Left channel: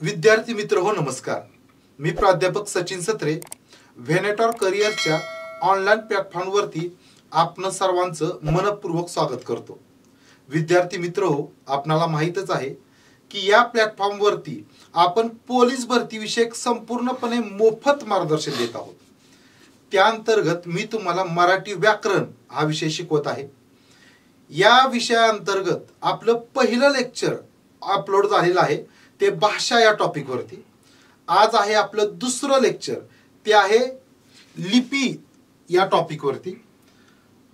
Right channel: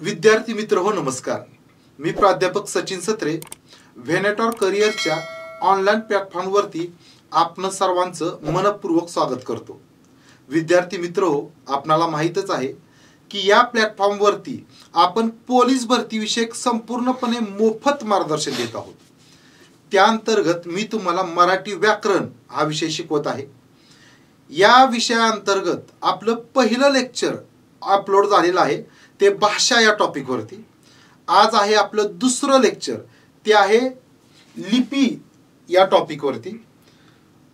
विद्यार्थी मित्र हो नमस्कार. मी प्राध्यापक सचिन सत्रे व्हेनेटॉर करिअरच्या ऑनलाईन प्लॅटफॉर्मवरती आपण सर्वांचं मनपूर्वक स्वागत करतो. विद्यार्थी मित्र हो, आपणाला माहीतच आहे की या प्लॅटफॉर्मवरती आपण पोलीस भरती विषयक संपूर्णपणे मोफत मार्गदर्शन देत आहोत. त्या अंतर्गत मी तुम्हाला मराठी व्याकरण हा विषय शिकवत आहे. या विषयाअंतर्गत आपलं पहिलं लेक्चर अपलोड झालेलं आहे, ते भाषा या टॉपिक वरती. आज आहे आपलं दुसरं लेक्चर, ते आहे लिपी या टॉपिक वरती.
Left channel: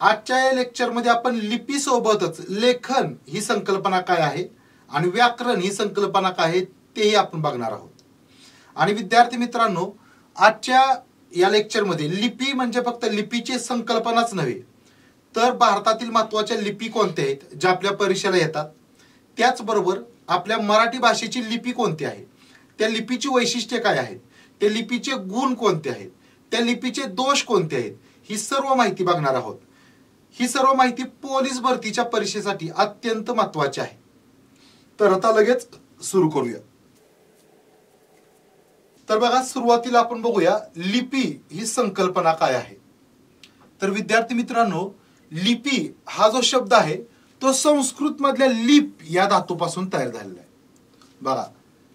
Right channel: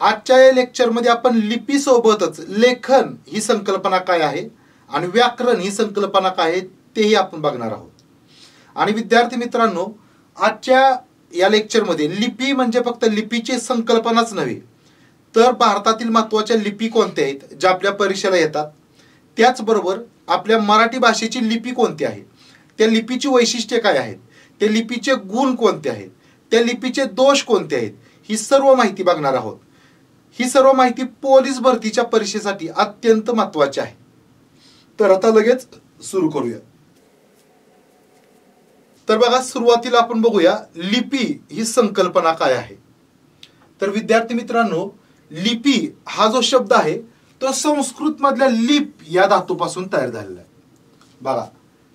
आजच्या या लेक्चर मध्ये आपण लिपी सोबतच लेखन ही संकल्पना काय आहे आणि व्याकरण ही संकल्पना काय आहे तेही आपण बघणार आहोत. आणि विद्यार्थी मित्रांनो, आजच्या या लेक्चर मध्ये लिपी म्हणजे फक्त लिपीची संकल्पनाच नव्हे, तर भारतातील महत्त्वाच्या लिपी कोणत्या आहेत ज्या आपल्या परीक्षेला येतात, त्याचबरोबर आपल्या मराठी भाषेची लिपी कोणती आहे, त्या लिपीची वैशिष्ट्ये काय आहेत, त्या लिपीचे गुण कोणते आहेत, त्या लिपीचे दोष कोणते आहेत, ही सर्व माहिती बघणार आहोत. ही सर्व माहिती पोलीस भरतीच्या परीक्षेसाठी अत्यंत महत्त्वाची आहे. तर आता लगेच सुरू करूया. तर बघा, सुरुवातीला आपण बघूया लिपी ही संकल्पना काय आहे. तर विद्यार्थी मित्रांनो, लिपी हा जो शब्द आहे तो संस्कृत मधल्या लिप या धातूपासून तयार झालेला आहे. बघा,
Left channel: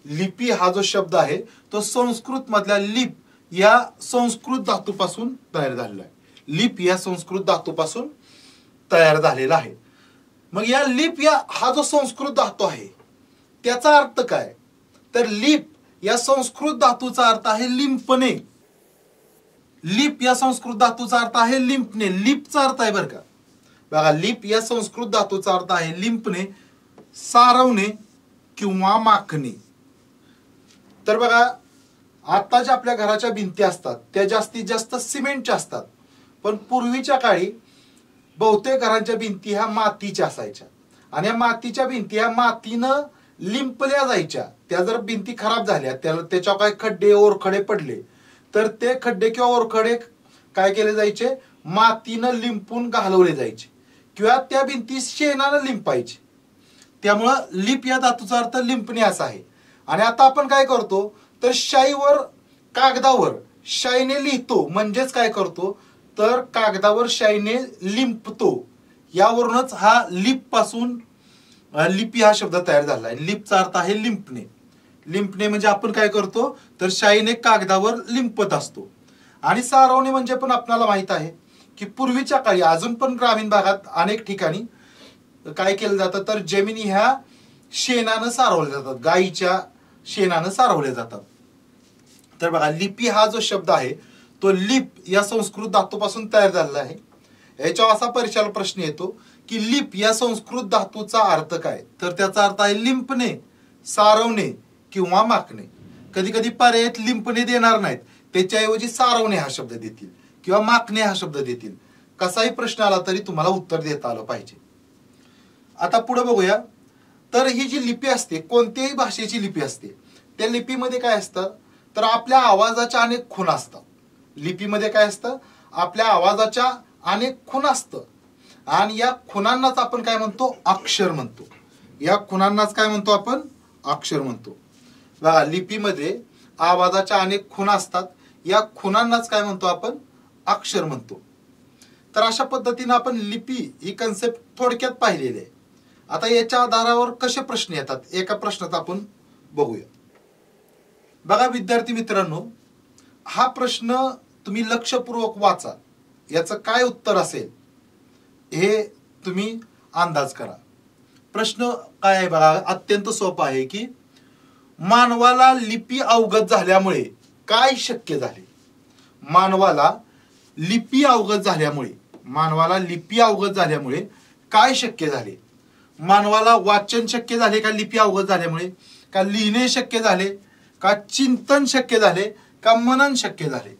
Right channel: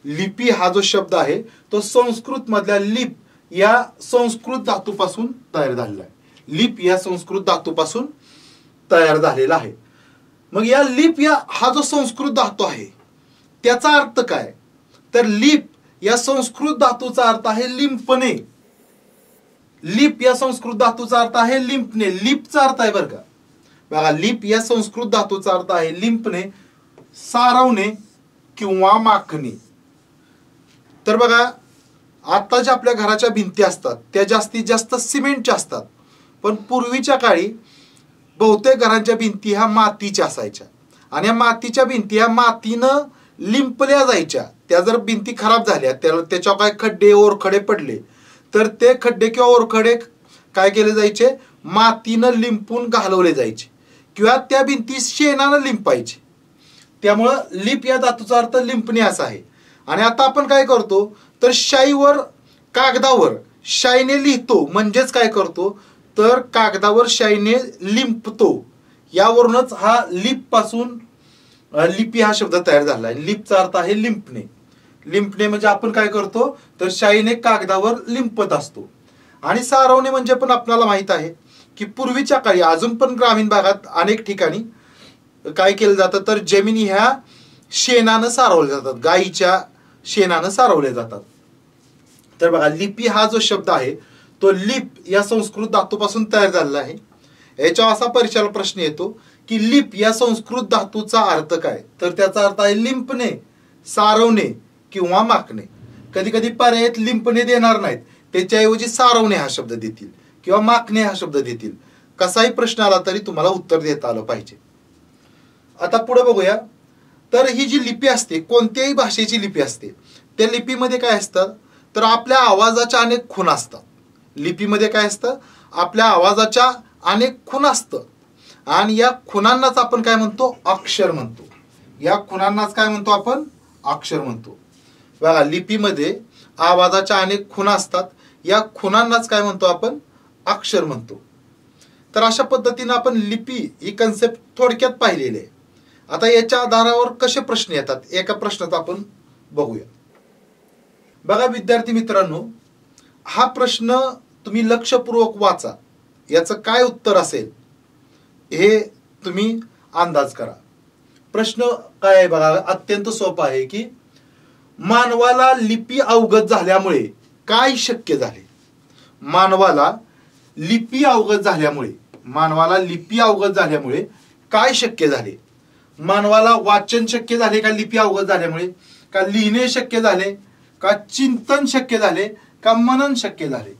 लिपी हा जो शब्द आहे तो संस्कृत मधल्या लिप या संस्कृत धातूपासून तयार झालेला आहे. लिप या संस्कृत धातूपासून तयार झालेला आहे. मग या लिप या हा जो संस्कृत धातू आहे त्याचा अर्थ काय, तर लिप या संस्कृत धातूचा अर्थ आहे लिंपणे. लिप या संस्कृत धातूचा अर्थ आहे लिंपणे. लिपचा अर्थ आहे बरं का, बघा, लिप या संस्कृत धातूचा अर्थ आहे लिंपणे, सारवणे किंवा माखणे. तर बघा, आता ज्या आपल्या घराच्या भिंती असतात त्या जास्तीत जास्त सिमेंटच्या असतात, पण पूर्वीच्या काळी बहुतेक घरांच्या भिंती ह्या मातीच्या असायच्या आणि या मातीच्या भिंती ह्या मातीनं लिंपल्या जायच्या. त्या जर भिंती खराब झाल्या, त्याच्यावर काय खड्डे ओरखडे पडले तर ते खड्डे किंवा ओरखडे काय केले जायचे, मातीनं लिंपून घालवले जायचे किंवा त्या भिंती शेणानं लिंपायचे. त्यामुळं लिप या धातूचा अर्थ लिंपणे असा आहे. आणि आता आपण काय करतो, तर शाईवर कागदावर शाईने लिहितो, म्हणजेच काय करतो, तर कागदावर शाईने लिंपतो. यावरूनच हा लिप पासून लिपी हा शब्द तयार झाला आहे. लिपचा अर्थ आहे लिंपणे. लिंपणे म्हणजे आपण काय करतो, तर शाईने कागदावर लिंपत असतो. आणि सारवणे म्हणजे पण आपल्याला माहित आहे की पूर्वीच्या काळी, अजून पण ग्रामीण भागात अनेक ठिकाणी काय केलं जातं, तर जमिनी ह्या शेणानं सारवल्या जातात, गाईच्या शेणानं सारवल्या जातात. तर बघा, लिपी हा जो शब्द आहे तो लिप या संस्कृत धातूपासून तयार झालेला आहे. याच्यावर असा परीक्षेला प्रश्न येतो की लिप या संस्कृत धातूचा अर्थ काय, तर त्याचा अर्थ आहे लिंपणे, सारवणे किंवा माखणे. कधी कधी पर्यायात लिंपणे देणार नाहीत, त्याच्याऐवजी सारवणे हा शब्द देतील किंवा माखणे हा शब्द देतील. कसाही प्रश्न आला तरी तुम्हाला उत्तर देता आलं पाहिजे. आता पुढे बघूया. तर ही जी लिपी असते, कोणत्याही भाषेची लिपी असते, त्या लिपीमध्ये काय असतं, तर आपल्या आवाजाच्या अनेक खूण असतात. लिपीमध्ये काय असतं, आपल्या आवाजाच्या अनेक खूण असतं आणि या खुणांनाच आपण काय म्हणतो, अक्षर म्हणतो. या खुणांनाच काय म्हणतो आपण, अक्षर म्हणतो. बघा, लिपीमध्ये आवाजाच्या अनेक खुणा असतात, या खुणांनाच काय म्हणतो आपण, अक्षर म्हणतो. तर अशा पद्धतीने आपण लिपी ही कन्सेप्ट थोडक्यात पाहिलेली आहे. आता याच्या आधारावर कसे प्रश्न येतात, एका प्रश्नाचा आपण बघूया. बघा विद्यार्थी मित्रांनो, हा प्रश्न तुम्ही लक्षपूर्वक वाचा, याचं काय उत्तर असेल हे तुम्ही अंदाज करा. प्रश्न काय आहे बघा, अत्यंत सोपा आहे की मानवाला लिपी अवगत झाल्यामुळे काय शक्य झाले. मानवाला लिपी अवगत झाल्यामुळे, मानवाला लिपी अवगत झाल्यामुळे काय शक्य झाले. मानवाला वाचन शक्य झाले का लिपी अवगत झाल्यामुळे, का लिहिणे शक्य झाले, का चिंतन शक्य झाले, का मनन शक्य झाले.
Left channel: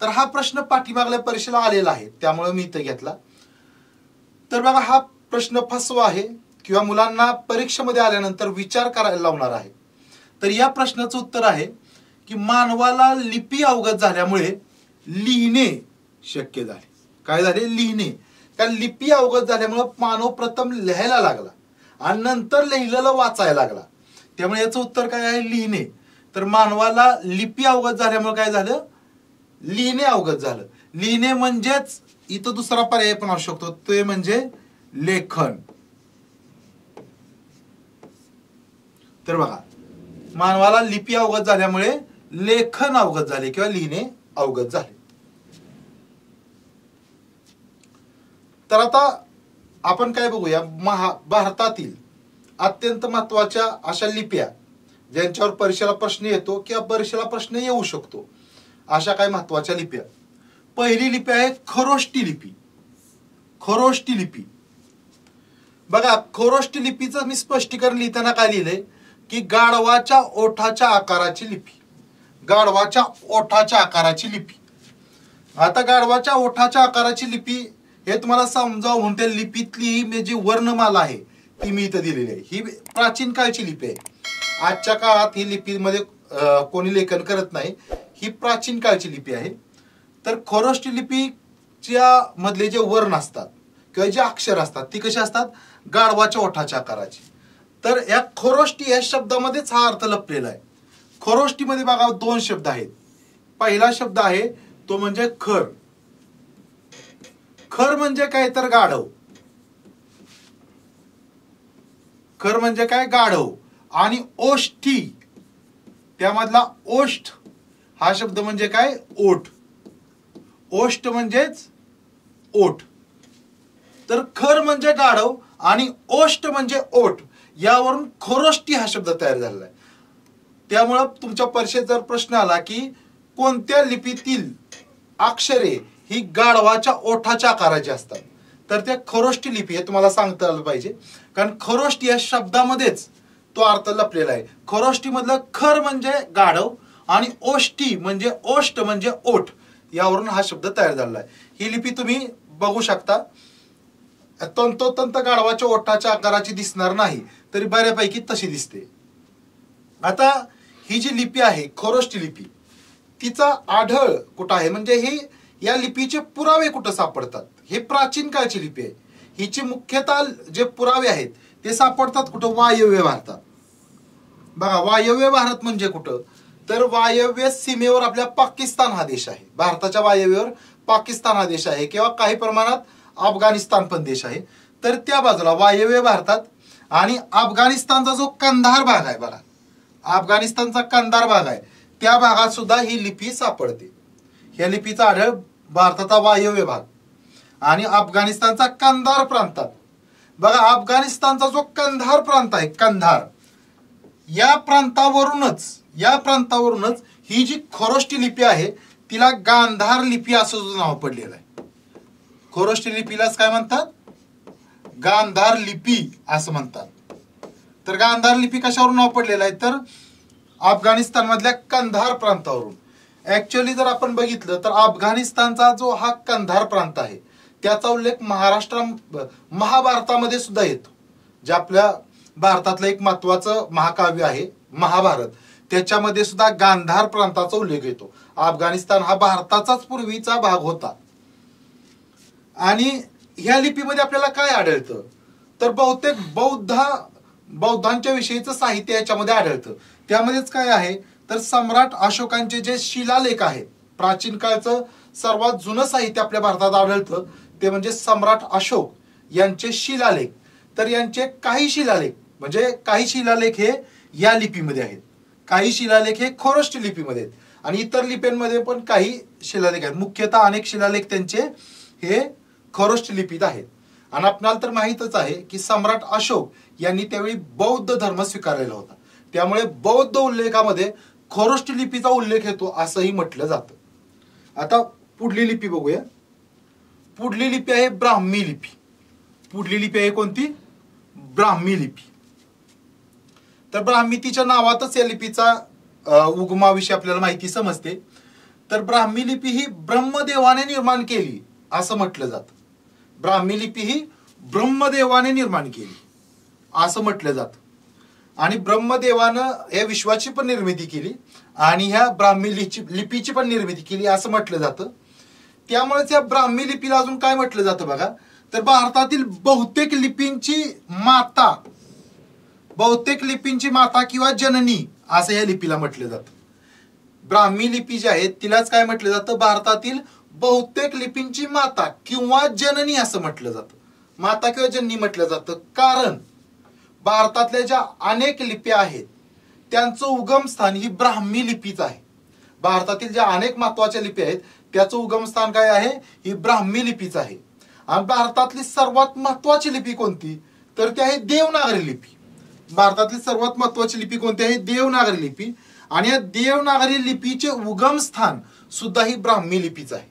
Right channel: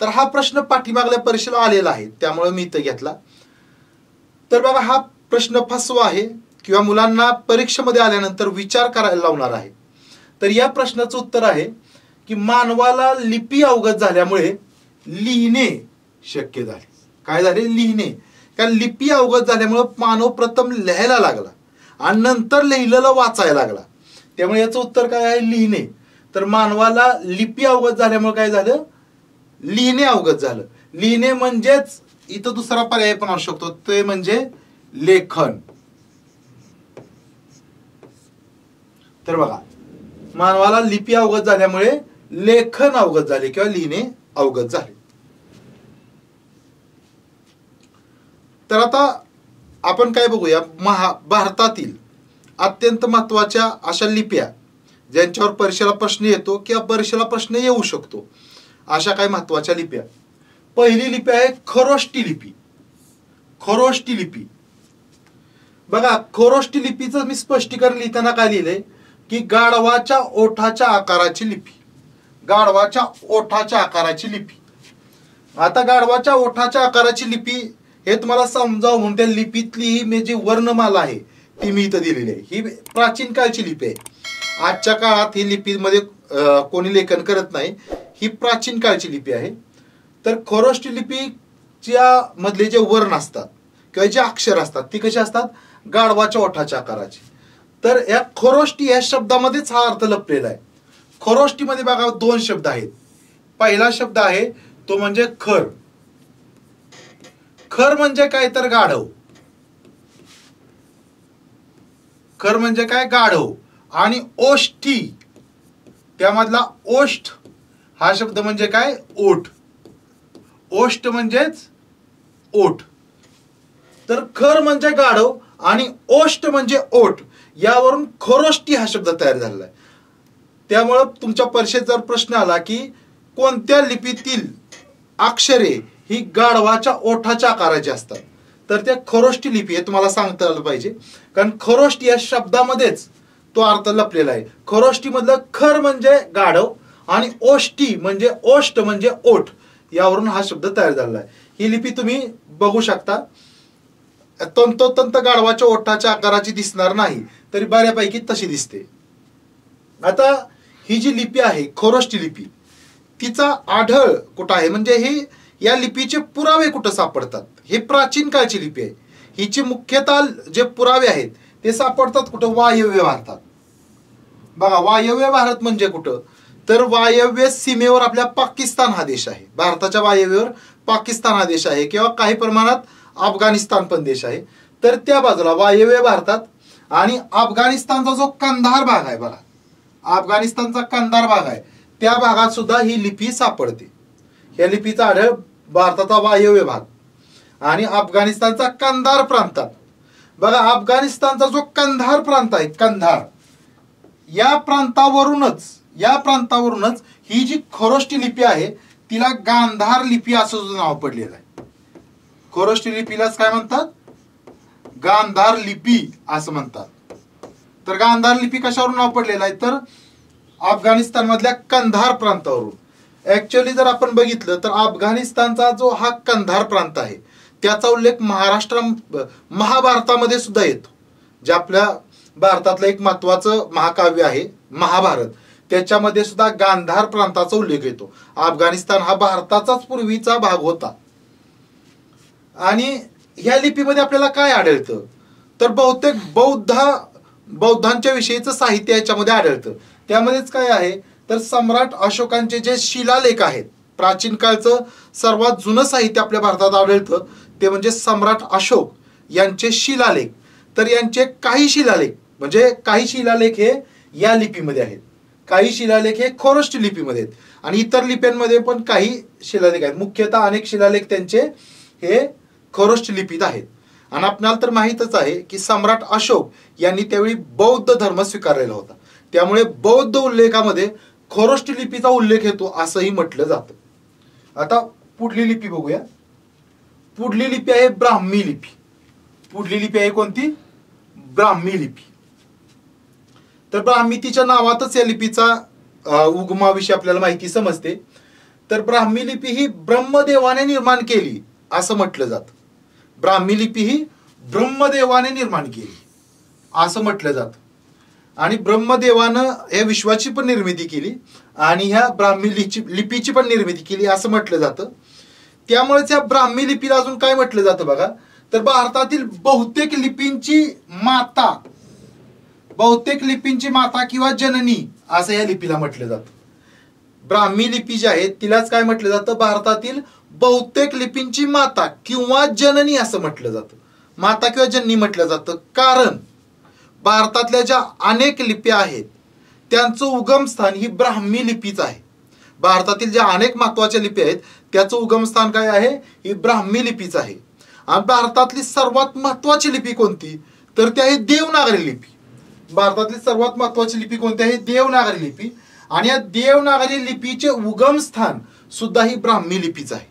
तर हा प्रश्न पाठीमागल्या परीक्षेला आलेला आहे, त्यामुळे मी इथं घेतला. तर बघा, हा प्रश्न फसवा आहे किंवा मुलांना परीक्षेमध्ये आल्यानंतर विचार करायला लावणार आहे. तर या प्रश्नाचं उत्तर आहे की मानवाला लिपी अवगत झाल्यामुळे लिहिणे शक्य झाले. काय झाले, लिहिणे. कारण लिपी अवगत झाल्यामुळे मानव प्रथम लिहायला लागला आणि नंतर लिहिलेलं वाचायला लागला. त्यामुळे याचं उत्तर काय आहे? लिहिणे. तर मानवाला लिपी अवगत झाल्यामुळे काय झालं? लिहिणे अवगत झालं. लिहिणे म्हणजेच इथं दुसरा पर्याय पण असू शकतो, ते म्हणजे लेखन. तर बघा, मानवाला लिपी अवगत झाल्यामुळे लेखन अवगत झाले किंवा लिहिणे अवगत झाले. तर आता आपण काय बघूया, भारतातील अत्यंत महत्वाच्या अशा लिप्या ज्यांच्यावर परीक्षेला प्रश्न येतो किंवा परीक्षेला प्रश्न येऊ शकतो, अशा काही महत्वाच्या लिप्या. पहिली लिपी आहे खरोष्टी लिपी. खरोष्टी लिपी बघा, खरोष्टी लिपीचं मी स्पष्टीकरण लिहिताना काय लिहिलंय की गाढवाच्या ओठाच्या आकाराची लिपी. गाढवाच्या ओठाच्या आकाराची लिपी. आता गाढवाच्या ओठाच्या आकाराची लिपी हे तुम्हाला समजावं म्हणून त्या लिपीतली ही जी वर्णमाला आहे ती मी इथं दिलेली आहे. ही प्राचीन काळची लिपी आहे. आजच्या काळात ही लिपीमध्ये कोणी लेखन करत नाही. ही प्राचीन काळची लिपी आहे. तर खरोष्टी लिपीच्या मधले जे वर्ण असतात किंवा जे अक्षर असतात ती कशी असतात? गाढवाच्या ओठाच्या आकाराची. तर या खरोष्टी या शब्दामध्येच हा अर्थ लपलेला आहे. खरोष्टीमध्ये बघा दोन शब्द आहेत. पहिला शब्द आहे तो म्हणजे खर. खर म्हणजे काय? तर गाढव. खर म्हणजे काय? गाढव. आणि ओष्ठी, त्यामधला ओष्ठ हा शब्द म्हणजे काय? ओठ. ओष्ठ म्हणजेच ओठ. तर खर म्हणजे गाढव आणि ओष्ठ म्हणजे ओठ, यावरून खरोष्टी हा शब्द तयार झालेला आहे. त्यामुळं तुमच्या परीक्षेत जर प्रश्न आला की कोणत्या लिपीतील अक्षरे ही गाढवाच्या ओठाच्या आकाराची असतात, तर त्या खरोष्टी लिपी हे तुम्हाला सांगता आलं पाहिजे. कारण खरोष्टी या शब्दामध्येच तो अर्थ लपलेला आहे. खरोष्टी मधलं खर म्हणजे गाढव आणि ओष्टी म्हणजे ओष्ठ म्हणजे ओठ, यावरून हा शब्द तयार झालेला आहे. ही लिपी तुम्ही बघू शकता. तंतोतंत गाढवाच्या ओठाच्या आकाराची दिसणार नाही, तरी बऱ्यापैकी तशी दिसते. आता ही जी लिपी आहे खरोष्टी लिपी, तिचा आढळ कुठं आहे म्हणजे हे या लिपीचे पुरावे कुठं सापडतात? हे प्राचीन काळची लिपी आहे. हिचे मुख्यतः जे पुरावे आहेत ते सापडतात कुठं? वायव्य भारतात. बघा, वायव्य भारत म्हणजे कुठं? तर वायव्य सीमेवर आपल्या पाकिस्तान हा देश आहे. भारताच्या वायव्येवर पाकिस्तान हा देश आहे किंवा काही प्रमाणात अफगाणिस्तान पण देश आहे. तर त्या बाजूला वायव्य भारतात आणि अफगाणिस्तानचा जो कंधार भाग आहे बघा, अफगाणिस्तानचा कंधार भाग आहे, त्या भागात सुद्धा ही लिपी सापडते. या लिपीचा आढळ भारताचा वायव्य भाग आणि अफगाणिस्तानचा कंधार प्रांतात. बघा, अफगाणिस्तानचा जो कंधार प्रांत आहे, कंधार, या प्रांतावरूनच ही जी खरोष्टी लिपी आहे तिला गांधार लिपी असं नाव पडलेलं आहे. खरोष्टी लिपीलाच काय म्हणतात? गांधार लिपी असं म्हणतात. तर गांधार लिपी कशावरून नाव पडलेलं आहे? तर अफगाणिस्तान मधल्या कंधार प्रांतावरून. ऍक्च्युअली जर आपण बघितलं तर अफगाणिस्तानचा जो हा कंधार प्रांत आहे त्याचा उल्लेख महाभारतामध्ये सुद्धा येतो. जे आपल्या भारतातलं एक महत्वाचं महाकाव्य आहे महाभारत, त्याच्यामध्ये सुद्धा गांधार प्रांताचा उल्लेख येतो. अफगाणिस्तान हा भारताचाच पूर्वीचा भाग होता. आणि ह्या लिपीमध्ये आपल्याला काय आढळतं? तर बहुतेक बौद्धांच्या विषयीचं साहित्य याच्यामध्ये आढळतं. त्यामध्येच काय आहे तर सम्राट अशोकांचे जे शिलालेख आहेत, प्राचीन काळचं सर्वात जुनं साहित्य आपल्या भारतात आढळतं ते म्हणजे सम्राट अशोक यांचे शिलालेख. तर यांचे काही शिलालेख हे या लिपीमध्ये आहेत, काही शिलालेख हे खरोष्टी लिपीमध्ये आहेत आणि इतर लिप्यांमध्ये पण काही शिलालेख आहेत. मुख्यतः अनेक शिलालेख त्यांचे हे खरोष्टी लिपीत आहेत. आणि आपल्याला तर माहितच आहे की सम्राट अशोक यांनी त्यावेळी बौद्ध धर्म स्वीकारलेला होता. त्यामुळे बौद्ध उल्लेखामध्ये खरोष्टी लिपीचा उल्लेख येतो असंही म्हटलं जातं. आता पुढली लिपी बघूया. पुढली लिपी आहे ब्राह्मी लिपी. पुढली लिपी आहे कोणती? ब्राह्मी लिपी. तर ब्राह्मी तिच्या नावातच या लिपीचा उगमाविषयी आपल्याला माहिती समजते. तर ब्राह्मी लिपी ही ब्रह्मदेवाने निर्माण केली असं म्हटलं जातं. ब्राह्मी लिपी ही ब्रह्मदेवाने निर्माण केली असं म्हटलं जातं. आणि ब्रह्मदेवानं या विश्वाची पण निर्मिती केली आणि ह्या ब्राह्मी लिपीची पण निर्मिती केली असं म्हटलं जातं. त्यामुळेच या ब्राह्मी लिपीला अजून काय म्हटलं जातं बघा, तर भारतातील बहुतेक लिपींची माता बहुतेक लिपींची माता किंवा जननी असं या लिपीला म्हटलं जातं. ब्राह्मी लिपी जी आहे तिलाच काय म्हटलं जातं, भारतातील बहुतेक लिपींची माता किंवा जननी असं म्हटलं जातं. माता किंवा जननी म्हटलं जातं कारण भारतातल्या ज्या अनेक लिप्या आहेत त्यांचं उगमस्थान ही ब्राह्मी लिपीच आहे. भारतातील ज्या अनेक महत्वाच्या लिपी आहेत त्याचं उगमस्थान काय आहे, ही ब्राह्मी लिपीच आहे. आणि भारतातली सर्वात महत्वाची लिपी कोणती, तर ती आहे देवनागरी लिपी. भारतातली सर्वात महत्वाची लिपी कोणती आहे, देवनागरी लिपी. आणि या देवनागरी लिपीचे उगमस्थान सुद्धा ही ब्राह्मी लिपीच आहे.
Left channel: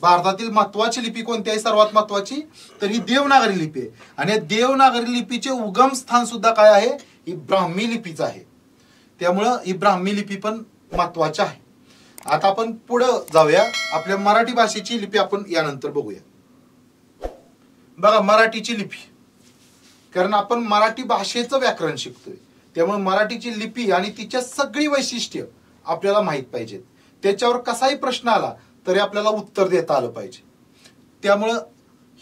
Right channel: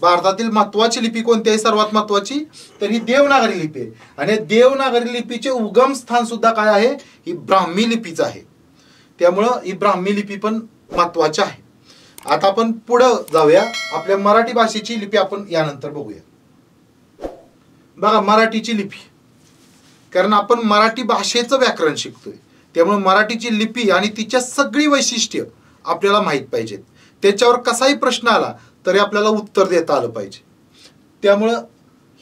भारतातील महत्वाची लिपी कोणती आहे सर्वात महत्वाची, तर ही देवनागरी लिपी आहे. आणि देवनागरी लिपीचे उगमस्थान सुद्धा काय आहे, ही ब्राह्मी लिपीच आहे. त्यामुळं ही ब्राह्मी लिपी पण महत्वाची आहे. आता आपण पुढे जाऊया, आपल्या मराठी भाषेची लिपी आपण यानंतर बघूया. बघा मराठीची लिपी, कारण आपण मराठी भाषेचं व्याकरण शिकतोय त्यामुळे मराठीची लिपी आणि तिच्या सगळी वैशिष्ट्य आपल्याला माहित पाहिजेत. त्याच्यावर कसाही प्रश्न आला तरी आपल्याला उत्तर देता आलं पाहिजे. त्यामुळं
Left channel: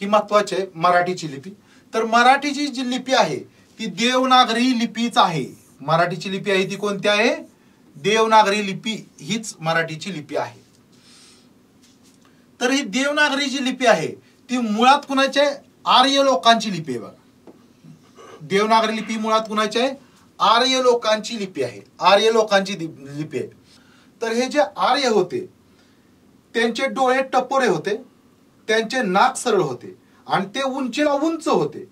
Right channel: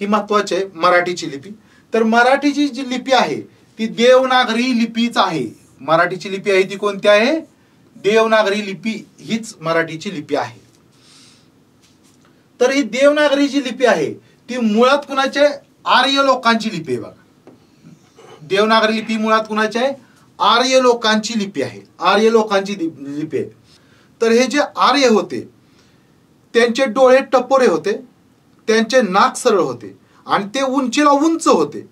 ही महत्वाची आहे मराठीची लिपी. तर मराठीची जी लिपी आहे ती देवनागरी लिपीच आहे. मराठीची लिपी आहे ती कोणती आहे, देवनागरी लिपी हीच मराठीची लिपी आहे. तर ही देवनागरी जी लिपी आहे ती मुळात कुणाच्या, आर्य लोकांची लिपी आहे. बघा देवनागरी लिपी मुळात कुणाची आहे, आर्य लोकांची लिपी आहे. आर्य लोकांची लिपी आहे. तर हे जे आर्य होते त्यांचे डोळे टपोरे होते, त्यांचे नाक सरळ होते आणि ते उंचीला उंच होते.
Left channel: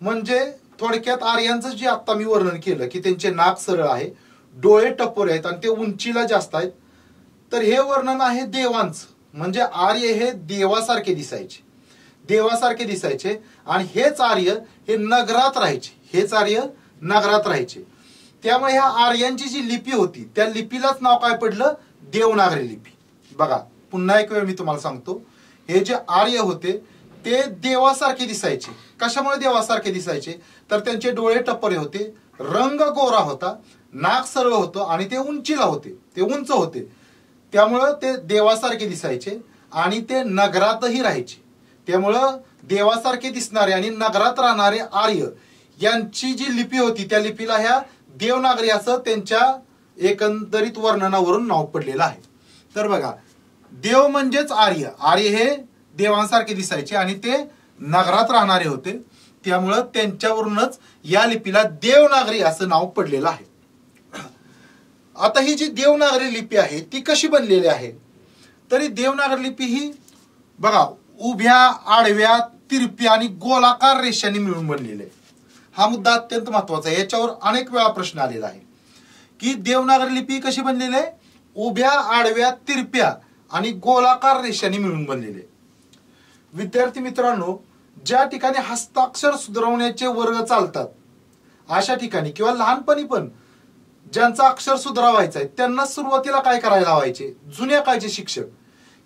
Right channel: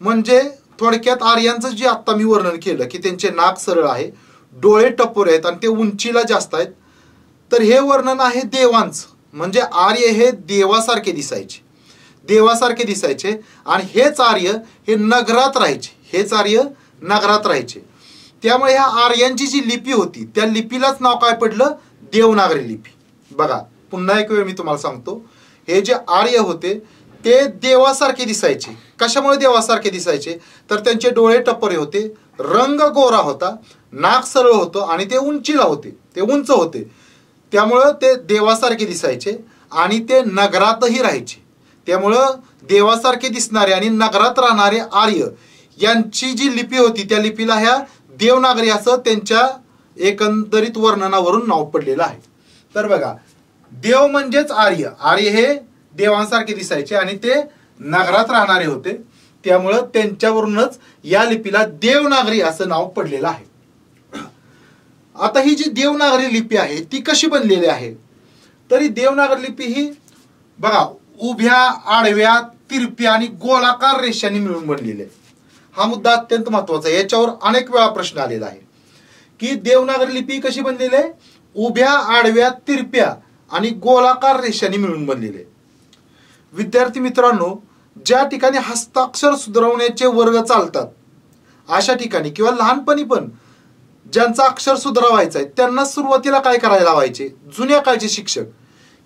म्हणजे थोडक्यात आर्यांचं जे आता मी वर्णन केलं की त्यांचे नाक सरळ आहे, डोळे टपोरे आहेत आणि ते उंचीला जास्त आहेत, तर हे वर्णन आहे देवांचं. म्हणजे आर्य हे देवासारखे दिसायचे, देवासारखे दिसायचे. आणि हेच आर्य हे नगरात राहायचे, हेच आर्य नगरात राहायचे. त्यामुळे ह्या आर्यांची जी लिपी होती त्या लिपीलाच नाव काय पडलं, देवनागरी लिपी. बघा पुन्हा एक वेळ मी तुम्हाला सांगतो, हे जे आर्य होते ते देवासारखे दिसायचे. कशामुळे देवासारखे दिसायचे, तर त्यांचे डोळे टप्परे होते, रंग गोरा होता, नाक सरळ होतं आणि ते उंचीला होते, ते उंच होते. त्यामुळं ते देवासारखे दिसायचे आणि ते नगरातही राहायचे. त्यामुळं देवासारखे दिसणारे आणि नगरात राहणारे आर्य यांची जी लिपी होती त्या लिपीला ह्या देवनागरी असं त्यांच्या एकंदरीत वर्णनावरून नाव पडलेलं आहे. तर बघा देव म्हणजेच आर्य, आर्य हे देवांसारखे दिसायचे आणि ते नगरात राहणारे होते. त्यामुळं त्यांच्यावरूनच या लिपीला देवनागरी असं नाव पडलेलं आहे. आता ही जी देवनागरी लिपी आहे ती कशी बनलेली आहे, तर ही देवनागरी लिपी ही बघा उभ्या, आडव्या, तिरप्या आणि गोलाकार रेषांनी मिळून बनलेली आहे. हा मुद्दा अत्यंत महत्वाचा आहे. याच्यावर अनेक वेळा प्रश्न आलेला आहे की देवनागरी लिपी कशी बनलेली आहे, उभ्या, आडव्या, तिरप्या आणि गोलाकार रेषांनी मिळून बनलेली आहे. विद्यार्थी मित्रांनो, ज्या ठिकाणी हस्ताक्षर सुधारवण्याचे वर्ग चालतात अशा ठिकाणी किंवा लहानपणी पण ज्यांचा अक्षर सुधारावायचं आहे त्यांना सुरुवातीला काय करायला लावायचे, जुन्या काळचे शिक्षक,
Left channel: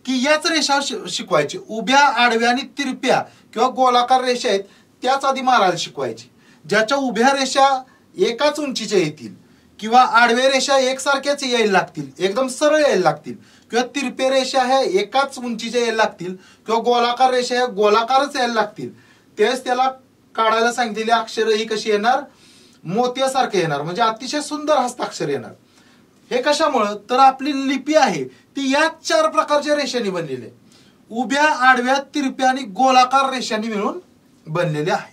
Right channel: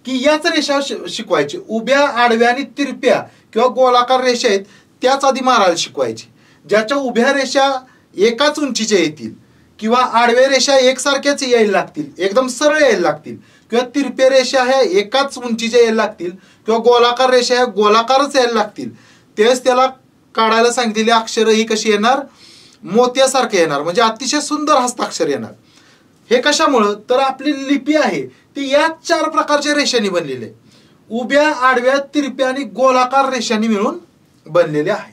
की याच रेषा शिकवायचे. उभ्या, आडव्या आणि तिरप्या किंवा गोलाकार रेषा आहेत त्याच आधी मारायला शिकवायचे. ज्याच्या उभ्या रेषा एकाच उंचीच्या येतील किंवा आडव्या रेषा एकसारख्याच यायला लागतील, एकदम सरळ यायला लागतील, किंवा तिरप्या रेषा ह्या एकाच उंचीच्या यायला लागतील किंवा गोलाकार रेषा ह्या गोलाकारच यायला लागतील, तेच त्याला काढायला सांगितलेली अक्षर ही कशी येणार, मोत्यासारखे येणार, म्हणजे अतिशय सुंदर हस्ताक्षर येणार. हे कशामुळं, तर आपली लिपी आहे ती या 4 प्रकारच्या रेषांनी बनलेली आहे. उभ्या, आडव्या, तिरप्या आणि गोलाकार रेषांनी मिळून बनलेली आहे.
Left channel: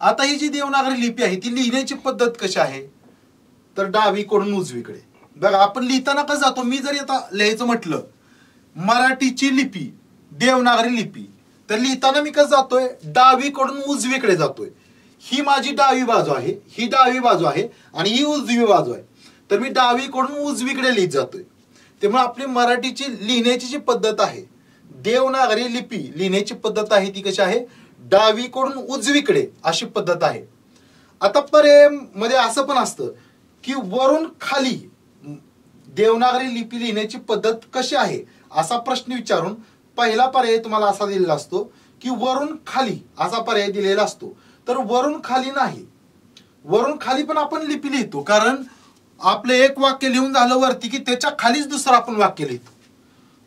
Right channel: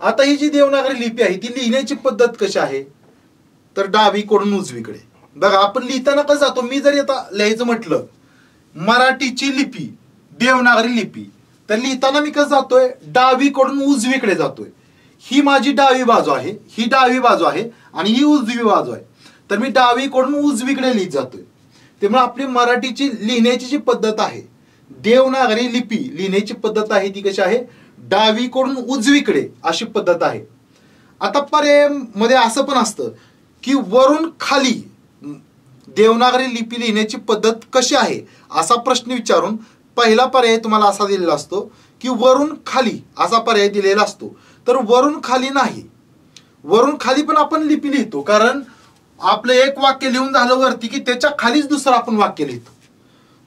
आता ही जी देवनागरी लिपी आहे ती लिहिण्याची पद्धत कशी आहे, तर डावीकडून उजवीकडे. बघा आपण लिहिताना कसं जातो, मी जरी आता लिहायचं म्हटलं मराठीची लिपी, देवनागरी लिपी, तर लिहिताना मी कसं जातोय, डावीकडून उजवीकडे जातोय. ही माझी डावी बाजू आहे, ही डावी बाजू आहे आणि ही उजवी बाजू आहे. तर मी डावीकडून उजवीकडे लिहित जातोय. त्यामुळे आपली मराठीची लिहिण्याची जी पद्धत आहे, देवनागरी लिपी लिहिण्याची पद्धत आहे ती कशी आहे, डावीकडून उजवीकडे अशी पद्धत आहे. आता पर्याय मध्ये असं पण असतं की वरून खाली देवनागरी लिपी लिहिण्याची पद्धत कशी आहे असा प्रश्न विचारून पहिला पर्याय तुम्हाला असा दिलेला असतो की वरून खाली असा पर्याय दिलेला असतो. तर वरून खाली नाही, वरून खाली पण आपण लिपी लिहितो, कारण आपलं एक वाक्य लिहून झालं वरती की त्याच्या खालीच दुसरं आपण वाक्य लिहितो.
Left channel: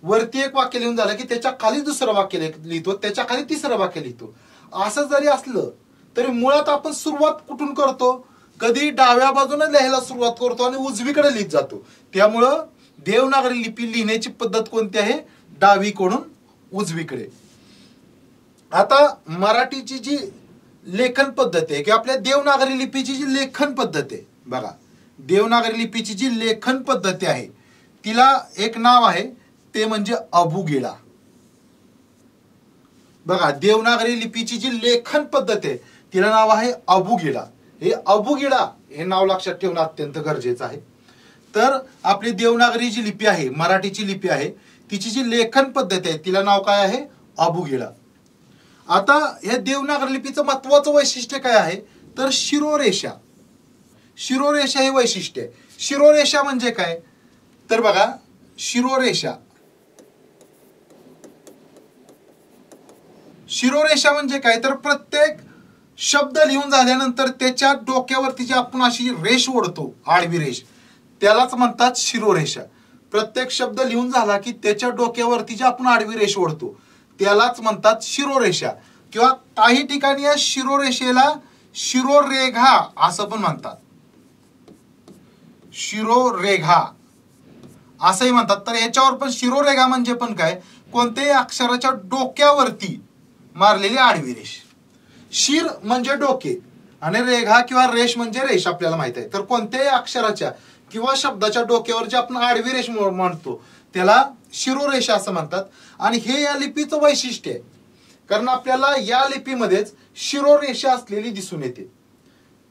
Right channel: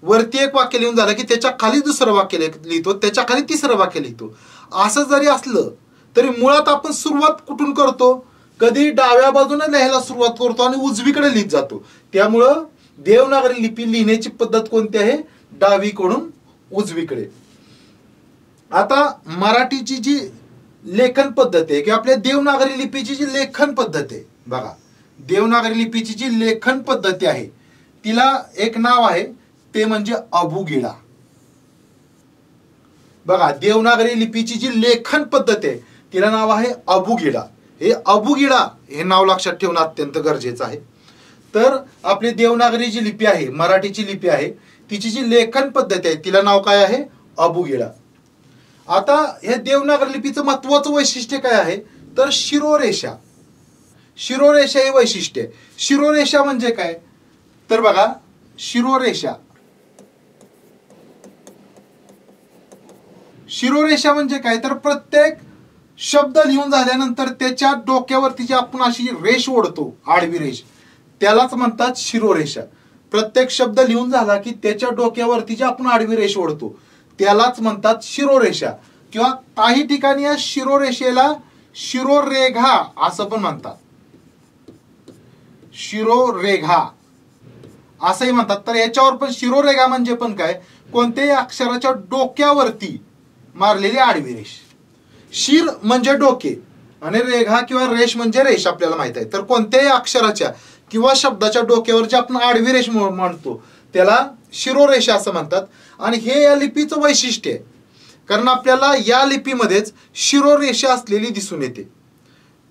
वरती एक वाक्य लिहून झालं की त्याच्या खालीच दुसरं वाक्य लिहितो, त्याच्या खाली तिसरं वाक्य लिहितो. असं जरी असलं तरी मुळात आपण सुरुवात कुठून करतो? कधी डाव्या बाजूने लिहायला सुरुवात करतो आणि उजवीकडे लिहित जातो. त्यामुळं देवनागरी लिपी लिहिण्याची पद्धत कोणती आहे? डावीकडून उजवीकडे. आता मराठीची जी लेखन पद्धत आहे किंवा आपल्या देवनागरी लिपीची जी लेखन पद्धत आहे बघा, देवनागरी लिपीची जी लेखन पद्धती आहे तिला एक नाव आहे, ते म्हणजे अबुगिडा. बघा, देवनागरी लिपीची जी लेखन पद्धत आहे तिला नाव आहे अबुगिडा. हे अबुगिडा हे नाव लक्षात ठेवणं अत्यंत गरजेचं आहे. तर आपली देवनागरी जी लिपी आहे, मराठीची लिपी आहे, तिची जी लेखन पद्धत आहे तिला नाव काय आहे? अबुगिडा. आता या देवनागरी लिपीचं महत्वाचं वैशिष्ट्य काय आहे? तर शिरोरेषा. शिरोरेषा ही वैशिष्ट्य आहे. शिरोरेषा म्हणजे काय? तर बघा, शिरोरेषा शिरोरेषा म्हणजे काय? तर प्रत्येक शब्द लिहून झाल्यानंतर त्याच्या डोक्यावरती जी आपण अशी रेष ओढतो, आडवी रेष, त्यालाच म्हणतात शिरोरेषा. प्रत्येक शब्द लिहून झाला की त्याच्या डोक्यावरती जी आपण आडवी रेष ओढतो त्यालाच म्हणतात शिरोरेषा. किंवा काही ठिकाणी या शिरोरेषेला शिरोरेघा असं पण म्हणतात. शिरोरेघा असंही म्हणतात. तर याच्यावर पण शिरोरेघा म्हणजे पण काय? कोणत्याही अक्षराच्या डोक्यावरती मारलेली आडवी रेष. शिर म्हणजे डोके आणि रेघा किंवा रेष म्हणजे रेष आपल्याला माहित आहे. तर कोणत्याही अक्षराच्या किंवा शब्दाच्या डोक्यावर जे आपण आडवी रेष म्हणतो त्याला शिरोरेषा असं म्हणतात. आणि हे या लिपीचं वैशिष्ट्य आहे, कारण आपल्याला या लिपीमध्येच शिरोरेषा असलेली दिसून येते.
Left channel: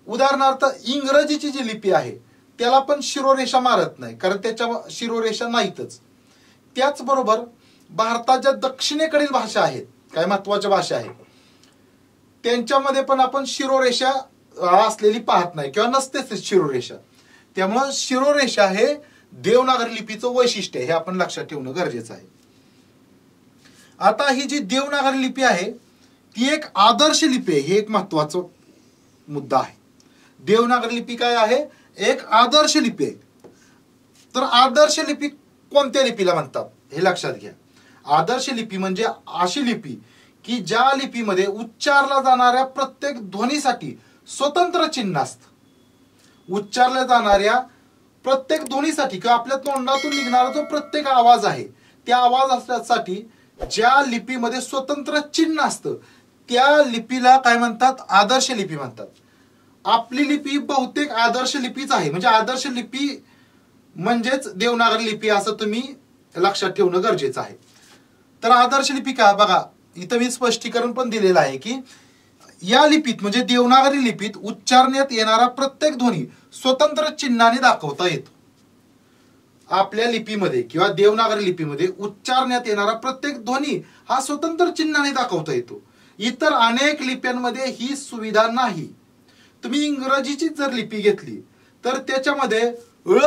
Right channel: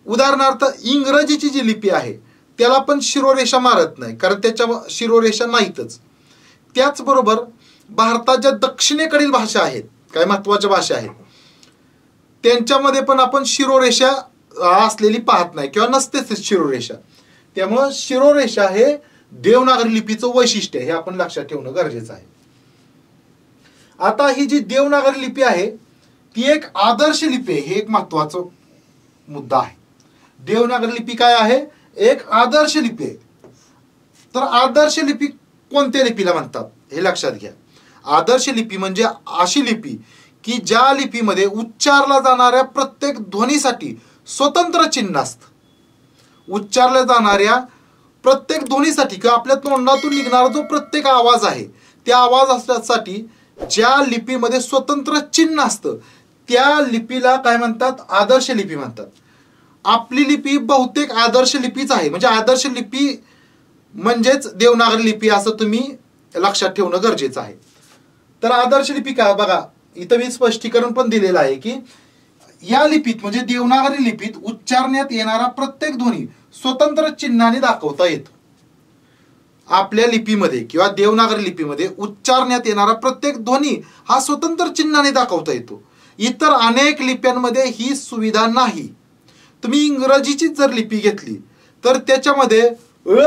उदाहरणार्थ इंग्रजीची जी लिपी आहे त्याला पण शिरोरेषा मारत नाही, कारण त्याच्या शिरोरेषा नाहीतच. त्याचबरोबर भारताच्या दक्षिणेकडील भाषा आहेत, काय महत्वाच्या भाषा आहेत, त्यांच्यामध्ये पण आपण शिरोरेषा असलेली पाहत नाही किंवा नसतेच शिरोरेषा. त्यामुळं शिरोरेषा हे देवनागरी लिपीचं वैशिष्ट्य, हे आपण लक्षात ठेवणं गरजेचं आहे. आता ही जी देवनागरी लिपी आहे ती एक आदर्श लिपी आहे, हे एक महत्वाचा मुद्दा आहे. देवनागरी लिपी काय आहे? एक आदर्श लिपी आहे. तर आदर्श लिपी कोणत्या लिपीला म्हणतात हे लक्षात घ्या. आदर्श लिपी म्हणजे अशी लिपी की ज्या लिपीमध्ये उच्चारला जाणाऱ्या प्रत्येक ध्वनीसाठी स्वतंत्र चिन्ह असतं. उच्चारल्या जाणाऱ्या प्रत्येक ध्वनीसाठी किंवा आपल्या तोंडातून निघणारा जो प्रत्येक आवाज आहे त्या आवाज असण्यासाठी ज्या लिपीमध्ये स्वतंत्र चिन्ह असतं त्या लिपीला काय म्हणतात? आदर्श लिपी म्हणतात. आपली लिपी बहुतेक आदर्श लिपीच आहे. म्हणजे आदर्श लिपी म्हणजेच देवनागरी लिपी असं तुम्ही लक्षात ठेवणं गरजेचं आहे. तर आदर्श लिपी काय? बघा, इथं मी स्पष्टीकरण पण दिलेलं आहे की या लिपीत म्हणजे देवनागरी लिपीत उच्चारण्यात येणारा प्रत्येक ध्वनी स्वतंत्र चिन्हाने दाखवता येतो. आपल्या लिपीमध्ये किंवा देवनागरी लिपीमध्ये उच्चारण्यात येणारा प्रत्येक ध्वनी हा स्वतंत्र चिन्हाने दाखवता येतो. इतर अनेक लिप्यांमध्ये ही सुविधा नाही. तुम्ही इंग्रजीची जर लिपी घेतली तर त्याच्यामध्ये ळ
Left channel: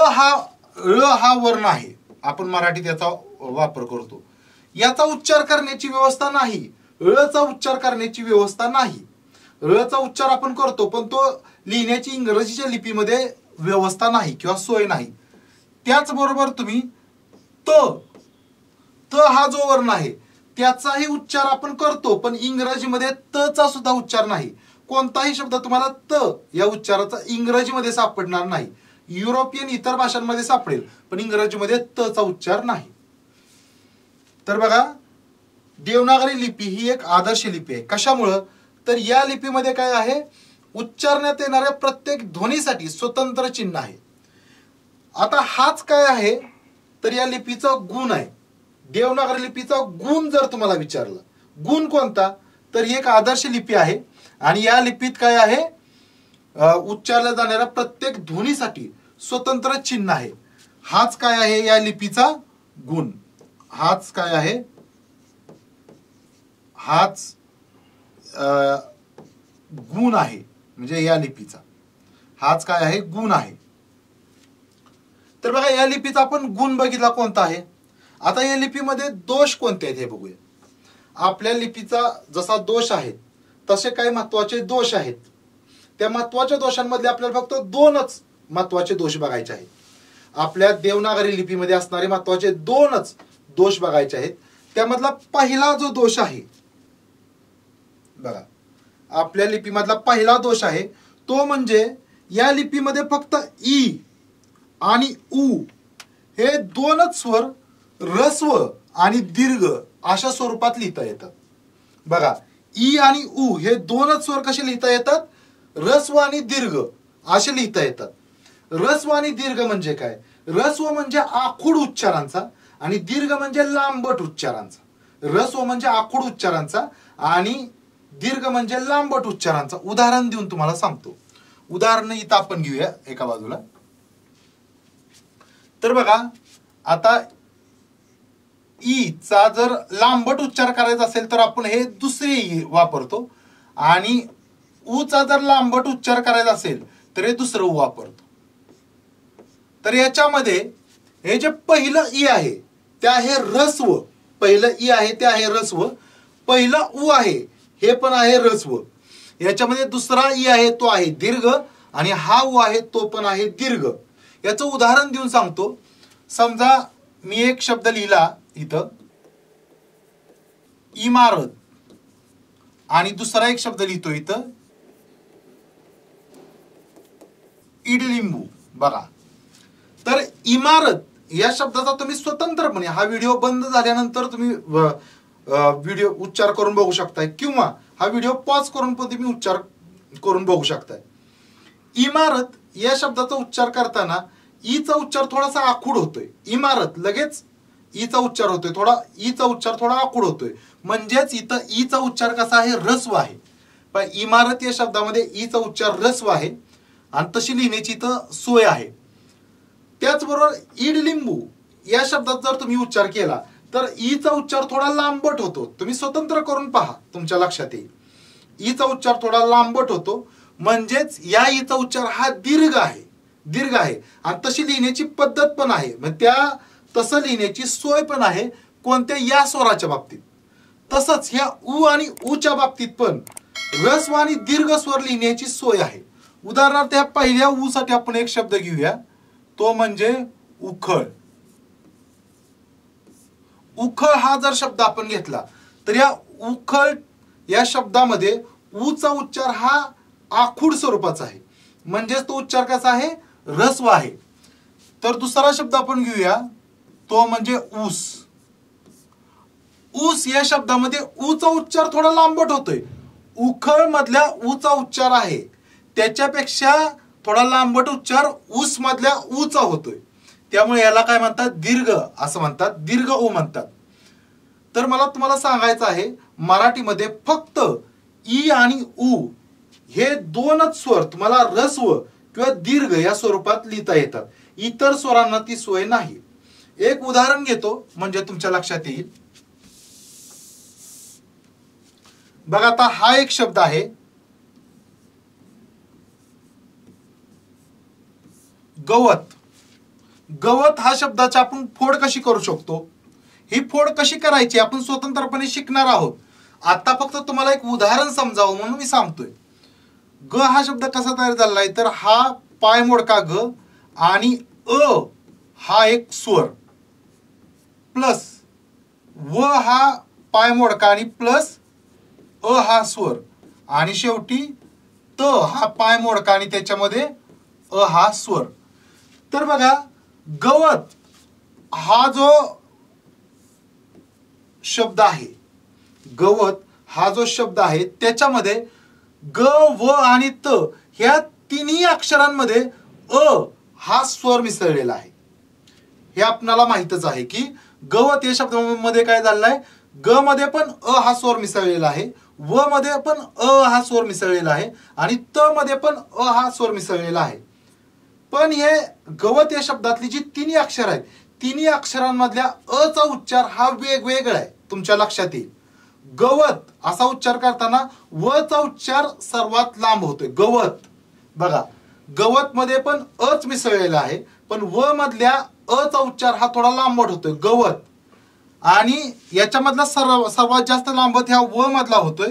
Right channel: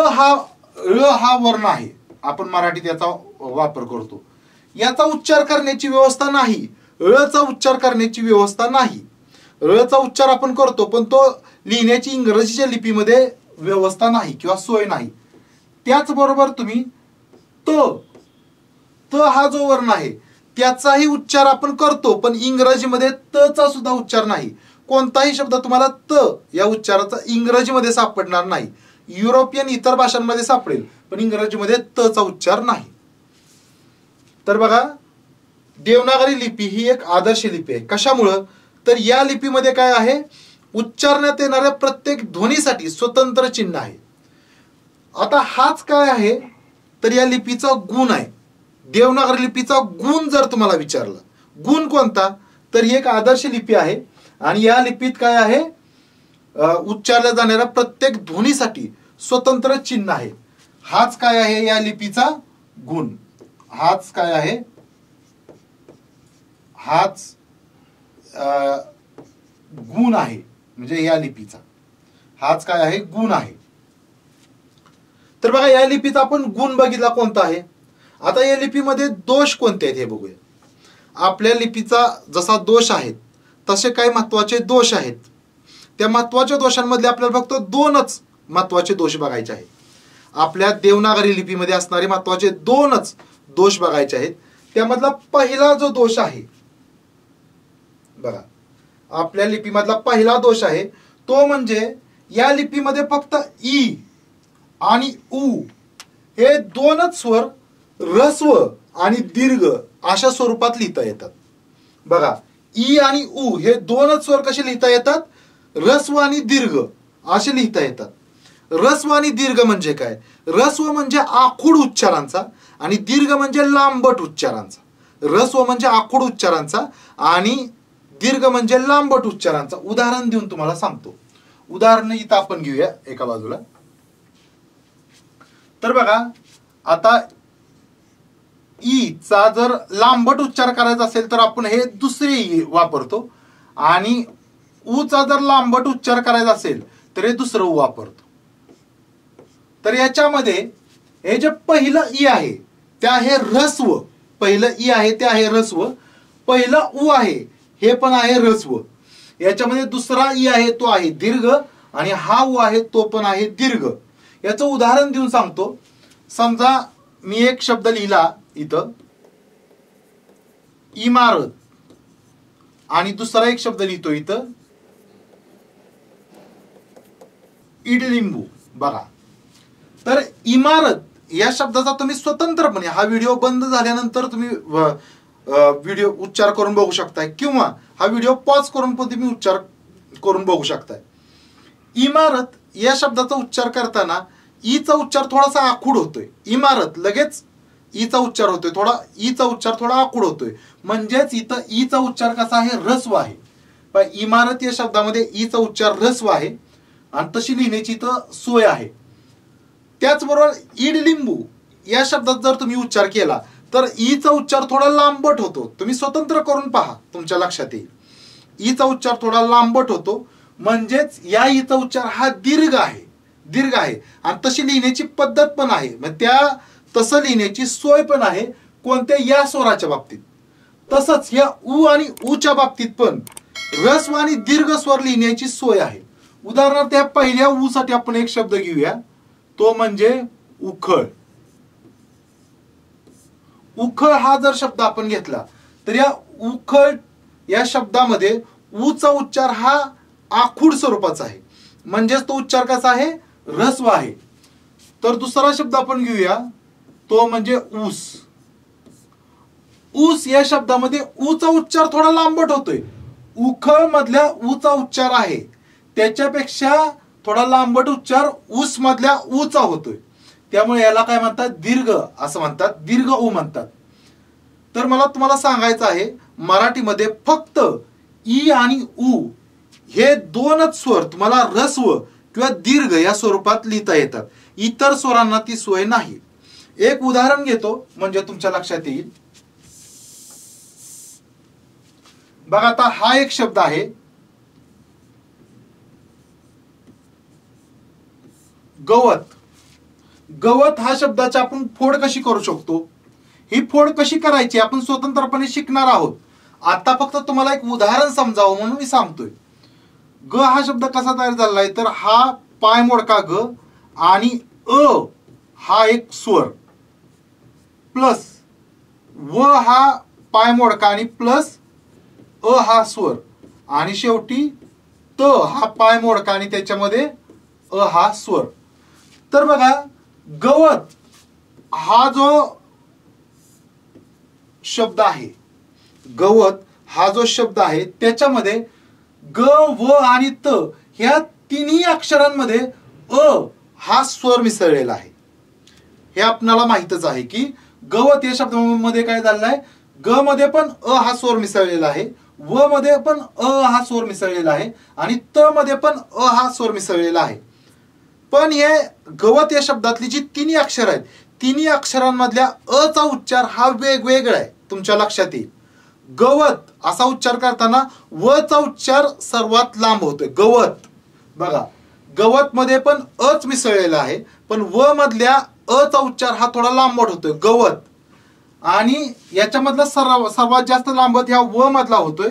हा वर्ण आहे, आपण मराठीत याचा वापर करतो, याचा उच्चार करण्याची व्यवस्था नाही. ळचा उच्चार करण्याची व्यवस्था नाही. ळचा उच्चार आपण करतो पण तो लिहिण्याची इंग्रजीच्या लिपीमध्ये व्यवस्था नाही किंवा सोय नाही. त्याचबरोबर तुम्ही त हा जो वर्ण आहे त्याचाही उच्चार आपण करतो पण इंग्रजीमध्ये तचा सुद्धा उच्चार नाही. कोणताही शब्द तुम्हाला त या उच्चाराचा इंग्रजीमध्ये सापडणार नाही. युरोपियन इतर भाषांमध्ये सापडेल पण इंग्रजीमध्ये तचा उच्चार नाही. तर बघा, देवनागरी लिपी ही एक आदर्श लिपी आहे. कशामुळं? तर या लिपीमध्ये काय आहे? उच्चारण्यात येणाऱ्या प्रत्येक ध्वनीसाठी स्वतंत्र चिन्ह आहे. आता हाच काय आहे? तर या लिपीचा गुण आहे. देवनागरी लिपीचा गुण जर तुम्हाला विचारला, गुण कोणता? तर ही एक आदर्श लिपी आहे आणि या लिपीत काय आहे? उच्चारल्या जाणाऱ्या प्रत्येक ध्वनीसाठी स्वतंत्र चिन्ह आहे. हाच काय आहे या लिपीचा गुण. हाच काय आहे? हाच गुण आहे. म्हणजे या लिपीचा हाच काय आहे? गुण आहे. तर बघा, या लिपीचा आपण गुण बघितला कोणता आहे. आता या लिपीमध्ये दोष कोणते आहेत हे बघूया. आपल्या लिपीचा जसा दोष आहेत तसे काही महत्वाचे दोष आहेत. त्या महत्वाच्या दोषांमधले आपल्याला फक्त दोनच महत्वाचे दोष बघायचे आहेत. आपल्या देवनागरी लिपीमध्ये असणारे महत्वाचे दोनच दोष बघायचे आहेत. त्यामधला पहिला जो दोष आहे बघा, आपल्या लिपीमधला पहिला दोष आहे तो म्हणजे या लिपीमध्ये फक्त ई आणि उ हे दोनच स्वर ऱ्हस्व आणि दीर्घ अशा स्वरूपात लिहिता येतात. बघा, ई आणि उ हे दोनच स्वर कसे लिहिता येतात? ऱ्हस्व आणि दीर्घ असे लिहिता येतात. ऱ्हस्व आणि दीर्घ म्हणजे काय? ऱ्हस्व म्हणजे आखूड उच्चारांचा आणि दीर्घ म्हणजे लांबट उच्चारांचा. ऱ्हस्व म्हणजे आखूड उच्चारांचा आणि दीर्घ म्हणजे लांबट उच्चारांचा. उदाहरण देऊन तुम्हाला सांगतो. उदाहरण इथं आपण घेऊया एका बाजूला. तर बघा, आता ई चा जर लांबट उच्चार करायचा असेल तर आपण हे दुसरे ई वापरतो आणि उ चा जर लांबट उच्चार करायचा असेल तर हे दुसरं उ वापरतो. तर याच्यामध्ये हे जे पहिलं ई आहे ते आहे ऱ्हस्व. पहिलं ई आहे ते आहे ऱ्हस्व. पहिलं उ आहे हे पण आहे ऱ्हस्व. याच्यामध्ये दुसरा ई आहे तो आहे दीर्घ आणि हा उ आहे तो पण आहे दीर्घ. याचं उदाहरण देऊन सांगतो. समजा मी एक शब्द लिहिला इथं इमारत आणि दुसरा एक शब्द लिहितो इथं इडलिंबू. बघा, तर इमारत या शब्दाचा तुम्ही स्वतंत्रपणे हा व्हिडिओ बंद झाल्यानंतर तुम्ही व्हिडिओ उच्चार करून बघू शकताय किंवा हा व्हिडिओ पॉज करून पण तुम्ही उच्चार करून बघू शकताय. इमारत या शब्दाचा उच्चार करताना ईचा उच्चार थोडासा आखूड होतोय. इमारत लगेच ईचा उच्चार होतोय, थोडा ईचा उच्चार थोडा आखूड होतोय. म्हणजेच इथं ईचा उच्चार कसा आहे? ऱ्हस्व आहे. पण इमारत या शब्दामध्ये ईचा उच्चार ऱ्हस्व आहे आणि तशी लिहिण्याची इथं सोय आहे. त्याचबरोबर इडलिंबू या शब्दात जर तुम्ही उच्चार केला तर ईचा उच्चार थोडा लांबट होतो. तुम्ही स्वतंत्र करून पहा, तुमच्या लक्षात येईल. ईचा उच्चार थोडा लांबट होतो. म्हणजेच या ईचा उच्चार हा दीर्घ आहे. दीर्घ आहे आणि तशी लिहिण्याची पद्धत पण आहे. त्या तसं लिहिण्याची सोय पण आहे. कोणत्या? या स्वराच्या बाबतीत. तसंच या उ आणि उच्या बाबतीत पण ऱ्हस्व आणि दीर्घ स्वर लिहिण्याची सोय आहे. उदाहरणार्थ या पहिल्या उ साठी आपण एक शब्द घेऊया, तो म्हणजे उखळ. उखळ हा जर शब्द आपण घेतला तर या उखळ या शब्दामध्ये उचा उच्चार हा आखूड स्वरूपाचा आहे. म्हणजेच तो उच्चार कसा आहे? ऱ्हस्व आहे. तर दुसरा शब्द आपण घेऊया, तो म्हणजे ऊस. ऊस या शब्दामध्ये ऊचा उच्चार थोडा लांबट होतोय. उखळ मधल्या ऊचा उच्चार आहे त्याच्यापेक्षा थोडा लांबट उच्चार ऊस मधल्या ऊचा होतोय. त्यामुळे याला काय म्हणतात? दीर्घ असं म्हणतात, दीर्घ ऊ म्हणतात. तर मला तुम्हाला सांगायचं आहे, मराठीमध्ये फक्त ई आणि उ हे दोनच स्वर तुम्हाला ऱ्हस्व किंवा दीर्घ या स्वरूपात लिहिता येतात. इतर स्वरांना ती सोय नाही. एक उदाहरण घेतो म्हणजे तुमच्या लक्षात येईल. बघा, आता हा एक शब्द आहे गवत. गवत हा शब्दाची आपण फोड कशी करू शकतो? ही फोड कशी करायची आपण स्वतंत्रपणे शिकणार आहोत. आता फक्त तुम्हाला एक उदाहरण समजावं म्हणून मी सांगतोय. ग हा शब्द कसा तयार झालाय तर हा पाय मोडका ग आणि अ हा एक स्वर प्लस व हा पाय मोडका आणि प्लस अ हा स्वर आणि शेवटी त हा पाय मोडका आणि त्याच्यामध्ये अ हा स्वर. तर बघा, गवत हा जो शब्द आहे, गवत हा जो शब्द आहे त्याच्यामध्ये ग व आणि त ह्या तिन्ही अक्षरांमध्ये अ हा स्वर मिसळलेला आहे. हे आपल्याला माहितच आहे की गवत या शब्दामध्ये काय झालेलं आहे? ग मध्ये पण अ हा स्वर मिसळलेला आहे, व मध्ये पण अ हा स्वर मिसळलेला आहे आणि त मध्ये पण अ हा स्वर मिसळलेला आहे. पण हे गवत या शब्दातली जी तिन्ही अक्षर आहेत, तिन्ही अक्षरांमधल्या अ चा उच्चार हा वेगवेगळा आहे. तुमच्या लक्षात येईल. गवत असा उच्चार करताना व चा उच्चार सर्वात लांब होतोय. गवत बघा, गवत मध्ये पण अच मिसळलेला आहे, पण व मधल्या अ चा उच्चार हा थोडा लांबट होतोय. गवत. आणि याच्यामधला सर्वात जास्त लांबट ह्या व मधला होतोय.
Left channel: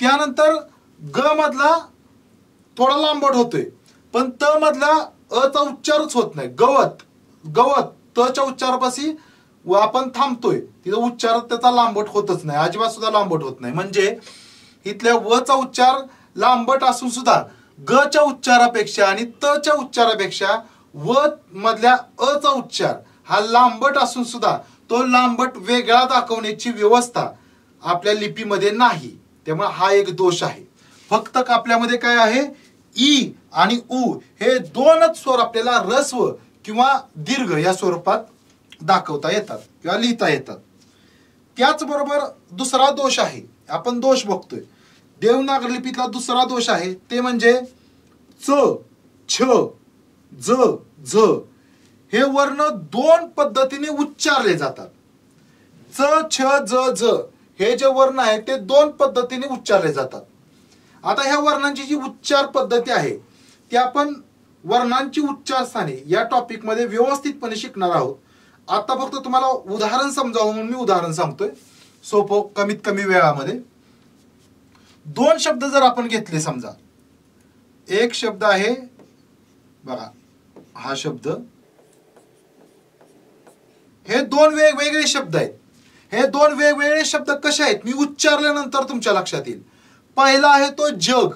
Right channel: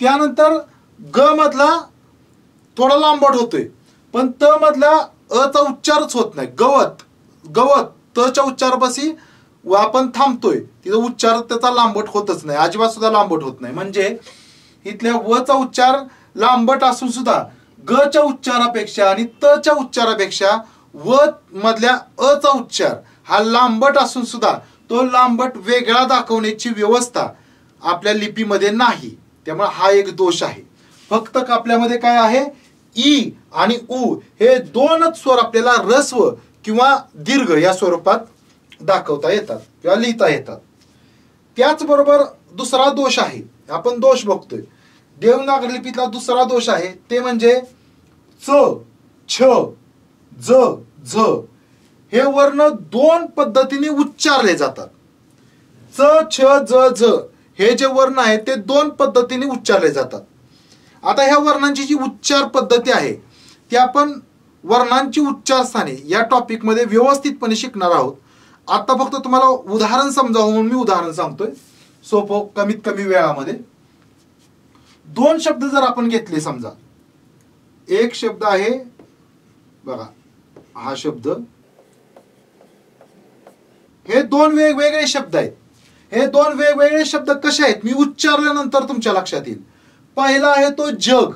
त्यानंतर ग मधला थोडा लांबट होतोय, पण त मधला अ चा उच्चारच होत नाही. गवत गवत त च्या उच्चारापाशी आपण थांबतोय, तिचा उच्चार त्याचा लांबट होतच नाही, अजिबात सुद्धा लांबट होत नाही. म्हणजे इथल्या व चा उच्चार लांबट असून सुद्धा ग च्या उच्चारापेक्षा आणि त च्या उच्चारापेक्षा व मधल्या अ चा उच्चार हा लांबट असून सुद्धा तो लांबट वेगळा दाखवण्याची व्यवस्था आपल्या लिपीमध्ये नाही, त्यामुळे हा एक दोष आहे. फक्त आपल्यामध्ये काय आहे, ई आणि उ हे दोनच स्वर आपल्याला ऱ्हस्व किंवा दीर्घ या स्वरूपात दाखवता येतात किंवा लिहिता येतात. त्याचबरोबर दुसरा दोष आहे, आपण दोष बघतोय देवनागरी लिपीतला दुसरा दोष आहे, ते म्हणजे च, छ, ज, झ हे वर्ण दोन पद्धतीने उच्चारले जातात. च, छ, ज, झ हे जे वर्ण आहेत ते दोन पद्धतीने उच्चारले जातात. आता ह्या वर्णांची जी उच्चार पद्धती आहे ती आपण वर्णांची उच्चारस्थाने या टॉपिक मध्ये व्यवस्थितपणे शिकणार आहोत. आता फक्त तुम्हाला उदाहरण समजावं म्हणून मी उदाहरण सांगतोय सोपं कमीत कमी वेळामध्ये. दोन शब्द जर आपण घेतले, समजा एक शब्द आहे बघा, हा शब्द, हे दोन वेगवेगळे शब्द आहेत. हे दोन वेगवेगळे शब्द कसे आहेत मी उच्चारल्यानंतर तुमच्या लक्षात येईल. पहिला आहे तो जग.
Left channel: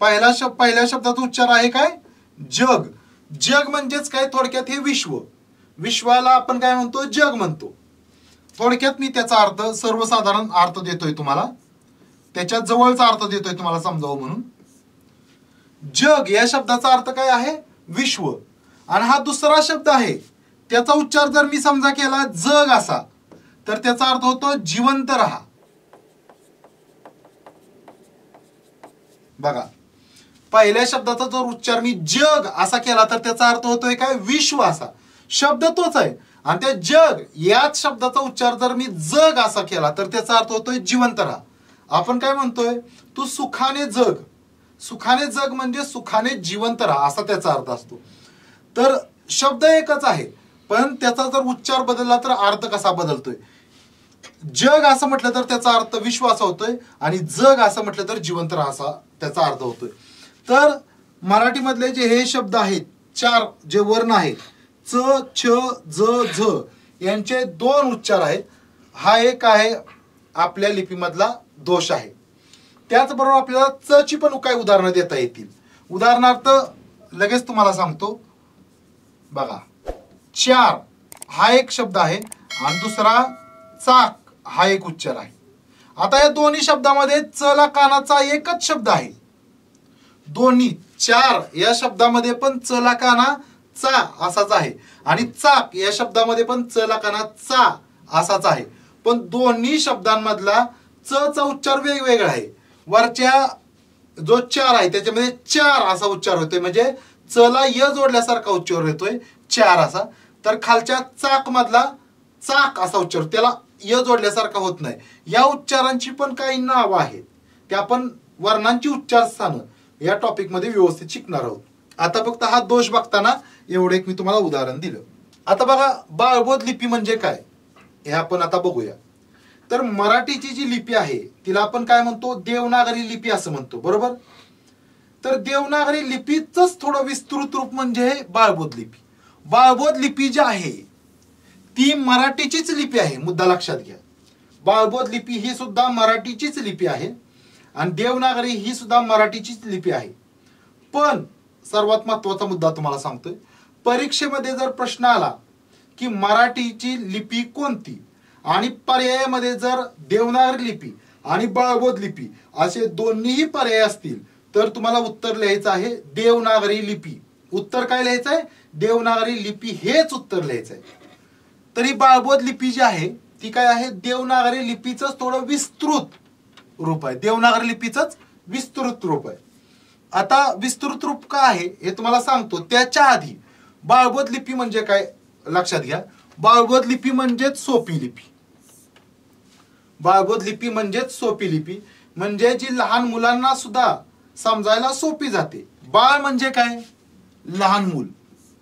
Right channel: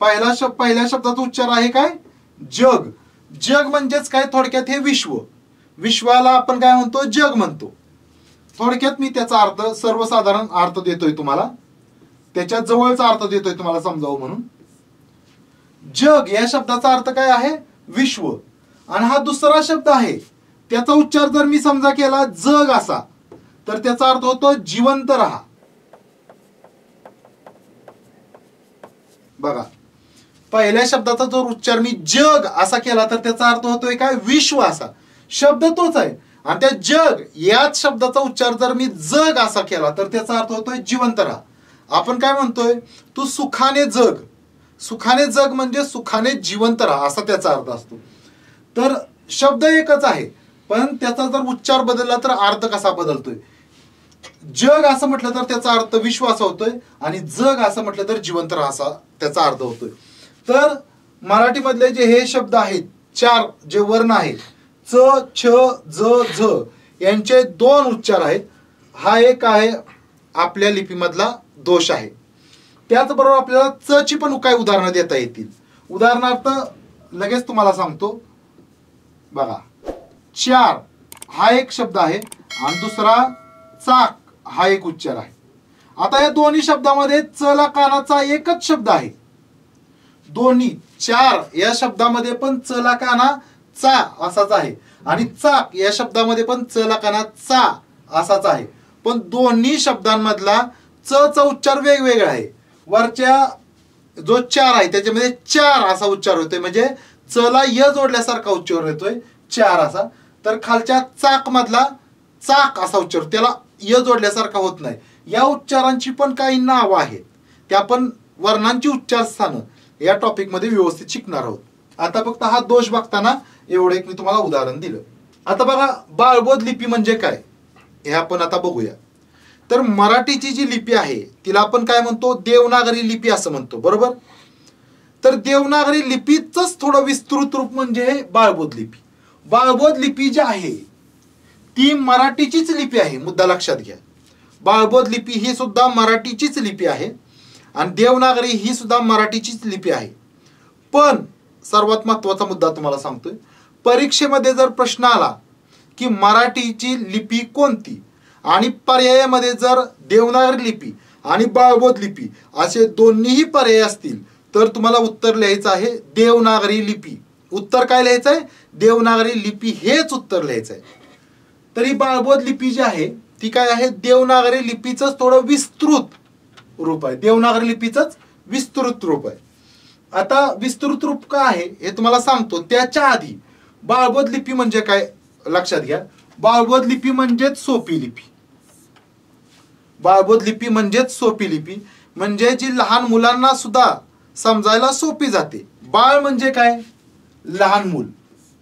पहिल्या शब्दाचा उच्चार आहे काय, जग. जग म्हणजेच काय, थोडक्यात हे विश्व. विश्वाला आपण काय म्हणतो, जग म्हणतो. थोडक्यात मी त्याचा अर्थ सर्वसाधारण अर्थ देतोय तुम्हाला, त्याच्या जवळचा अर्थ देतोय तुम्हाला समजावं म्हणून. जग या शब्दाचा अर्थ काय आहे, विश्व. आणि हा दुसरा शब्द आहे त्याचा उच्चार जर मी समजा केला जग असा, तर त्याचा अर्थ होतो जिवंत राहा. बघा, पहिल्या शब्दाचा जर उच्चार मी जग असा केला तर त्याचा अर्थ होतोय काय, विश्व असा. शब्द तोच आहे. आणि त्या जग याच शब्दाचा उच्चार जर मी जग असा केला तर त्याचा अर्थ होतोय जिवंत राहा. आपण काय म्हणतोय, तू सुखाने जग. सुखाने जग म्हणजे सुखाने जिवंत राहा असा त्याचा अर्थ असतो. तर शब्द एकच आहे पण त्याचा जर उच्चार बदलला तर अर्थ कसा बदलतोय. जग असं म्हटलं तर त्याचा अर्थ विश्व असा होतोय आणि जग असं म्हटलं तर जिवंत राहा असा त्याचा अर्थ होतोय. तर मराठीमधले जे हे शब्द आहेत, चार जे वर्ण आहेत, च, छ, ज, झ यांचे दोन उच्चार आहेत. हा एक आहे आपल्या लिपीमधला दोष आहे. त्याचबरोबर आपल्याला च ची पण काही उदाहरणं देता येतील. उदाहरणार्थ लगेच तुम्हाला सांगतो बघा, चार हा एक शब्द आहे आणि दुसरा चाक हा एक उच्चार आहे. आता या दोन्ही शब्दामध्ये च ला कानाचा एकच शब्द आहे. दोन्ही चार या शब्दामध्ये पण च ला काना चा असाच आहे आणि चाक या शब्दामध्ये पण च ला काना चा असाच आहे. पण दोन्ही शब्दांमधला च चा उच्चार वेगवेगळा आहे. वरच्या जो चार आहे त्याच्यामध्ये चार असा उच्चार होतोय, म्हणजे च ला य जोडल्यासारखा उच्चार होतोय चार असा. तर खालच्या चाक मधला चाक असा उच्चार, त्याला य जोडल्यासारखा होत नाही. या उच्चारांची पण काही नावं आहेत, त्या आपण वर्णांची उच्चारस्थानं या टॉपिक मध्ये व्यवस्थित शिकणार आहोत. आता फक्त हा दोष बघताना एवढं एक मी तुम्हाला उदाहरण दिलं. आता बघा, बाळबोध लिपी म्हणजे काय हे आपण आता बघूया. तर मराठीची जी लिपी आहे तिला आपण काय म्हणतो, देवनागरी लिपी असं म्हणतो, बरोबर. तर देवनागरी लिपीचंच थोडं विस्तृत रूप म्हणजे बाळबोध लिपी. बाळबोध लिपी जी आहे ती मराठीचीच लिपी आहे, मुद्दा लक्षात घ्या. बाळबोध लिपी ही सुद्धा मराठीचीच लिपी आहे आणि देवनागरी ही सुद्धा मराठीचीच लिपी आहे. पण सर्वात महत्वाचा मुद्दा तुम्हाला सांगतोय, परीक्षेमध्ये जर प्रश्न आला की मराठीची लिपी कोणती आणि पर्यायामध्ये जर देवनागरी लिपी आणि बाळबोध लिपी असे दोन्हीही पर्याय असतील तर तुम्हाला उत्तर लिहायचं आहे देवनागरी लिपी. उत्तर काय लिहायचं आहे, देवनागरी लिपी हेच उत्तर लिहायचं आहे. तर ही बाळबोध लिपी जी आहे ती काय आहे, देवनागरी लिपीचंच थोडं विस्तृत रूप आहे. देवनागरी लिपीचंच विस्तृत रूप आहे. आता विस्तृत रूप काय आहे हे तुम्हाला सांगतो. त्याच्या आधी बाळबोध लिपी म्हणजे काय लक्षात घ्या. बाळबोध लिपी म्हणजेच सोपी लिपी. बाळबोध लिपी म्हणजेच सोपी लिपी, म्हणजे जी लहान मुलांना सुद्धा समजायला सोपी जाते. बाळ म्हणजे काय, लहान मूल.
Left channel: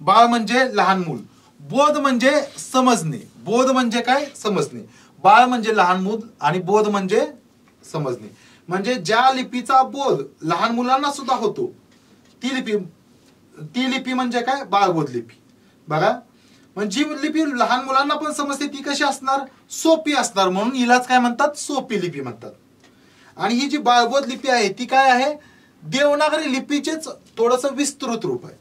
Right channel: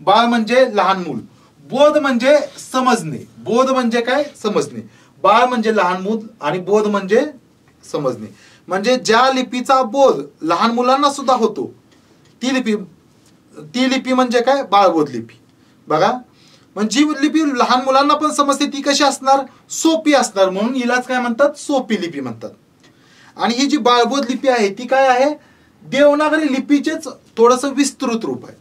बाळ म्हणजे लहान मूल. बोध म्हणजे समजणे. बोध म्हणजे काय, समजणे. बाळ म्हणजे लहान मूल आणि बोध म्हणजे समजणे. म्हणजे ज्या लिपीचा बोध लहान मुलांना सुद्धा होतो ती लिपी म्हणजे काय, बाळबोध लिपी. बघा, म्हणजे जी लिपी लहान मुलांना पण समजते ती कशी असणार, सोपी असणार, म्हणून हिलाच काय म्हणतात, सोपी लिपी म्हणतात. आणि ही जी बाळबोध लिपी आहे ती काय आहे, देवनागरी लिपीचेच थोडस विस्तृत रूप आहे.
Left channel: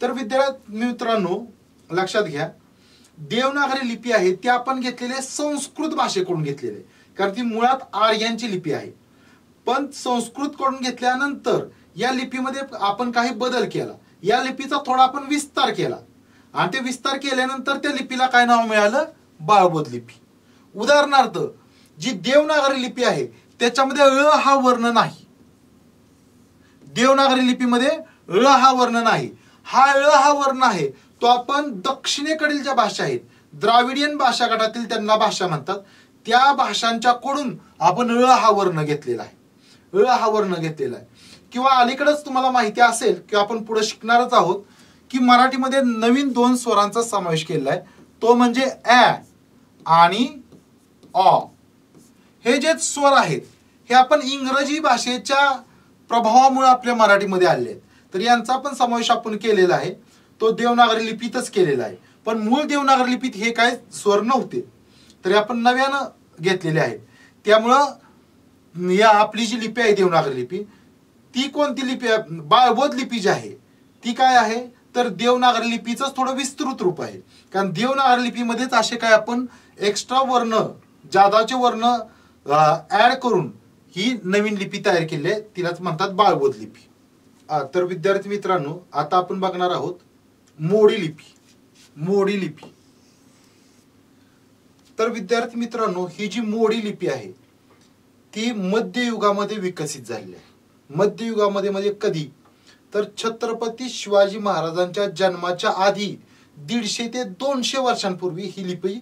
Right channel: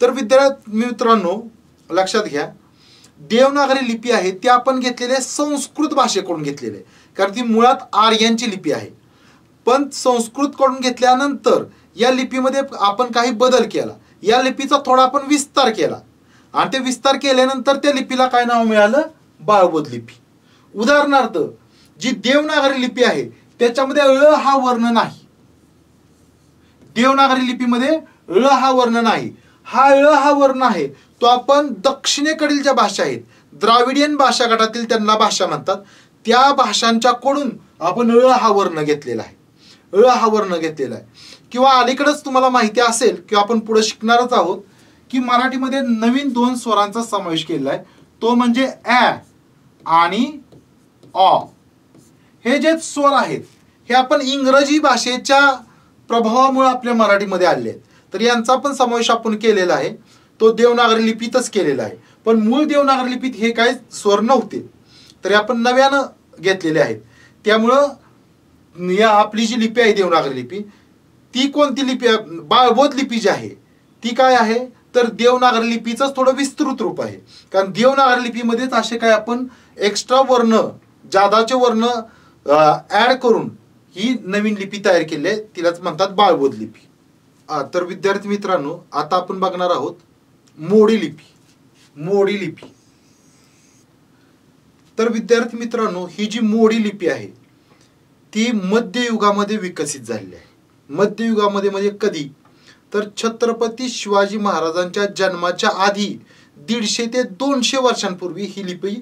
तर विद्यार्थी मित्रांनो लक्षात घ्या, देवनागरी लिपी आहे ती आपण घेतलेली संस्कृत भाषेकडून घेतलेली आहे, कारण ती मुळात आर्यांची लिपी आहे. पण संस्कृत कडून घेतल्यानंतर या लिपीमध्ये आपण काही बदल केला, या लिपीचा थोडा आपण विस्तार केला आणि ते विस्तार केल्यानंतर त्या लिपीला काय नाव मिळालं, बाळबोध लिपी. उदाहरणार्थ जी देवनागरी लिपी आहे त्याच्यामध्ये ळ हा वर्ण नाही. देवनागरी लिपीमध्ये ळ हा वर्ण नाही. हा ळ हा वर्ण आहे तो आपण दक्षिणेकडील ज्या भाषा आहेत, द्राविडियन भाषा गटातील त्यांना भाषा म्हणतात, त्या भाषांच्या कडून आपण ळ हा वर्ण घेतलेला आहे. ळ हा वर्ण घेतलेला आहे. किंवा अलीकडेच तुम्हाला माहिती असेल किंवा आपण पुढे शिकणारच आहोत की मराठीमध्ये नवीन 2 स्वरांचा समावेश केलेला आहे, तो म्हणजे ॲ आणि ऑ. हे जे स्वर आहेत हे आपण इंग्रजी भाषेच्या प्रभावामुळे आपल्या मराठीमध्ये आले आहेत, तर यांचा पण समावेश आपण केलेला आहे, तो देवनागरी लिपीतच केलेला आहे. पण मूळ देवनागरी लिपीत हे काही स्वर नव्हते, तरी आपण नव्यानं घेतलेले आहेत. त्यामुळं या आपली जी लिपी आहे देवनागरी लिपी, ती कोणती लिपी आहे, बाळबोध लिपी जी आहे ती काय आहे तर देवनागरी लिपीचंच थोडं विस्तृत रूप आहे. कारण देवनागरी लिपीमध्येच असे काय आपण एक्स्ट्रा वर्ण, जादाचे वर्ण ऍड करून ही नवीन लिपी तयार केली आहे, तिलाच म्हणतात बाळबोध लिपी. तर विद्यार्थी मित्रांनो आता आपण बघणार आहोत मोडी लिपी. मोडी लिपी. तर विद्यार्थी मित्रांनो ही जी मोडी लिपी आहे ती मध्ययुगामध्ये विकसित झालेली आहे. मध्ययुगामध्ये म्हणजे कधी तर छत्रपती शिवाजी महाराजांच्या जन्माच्या आधी 150 ते 200 वर्षांपूर्वी ही लिपी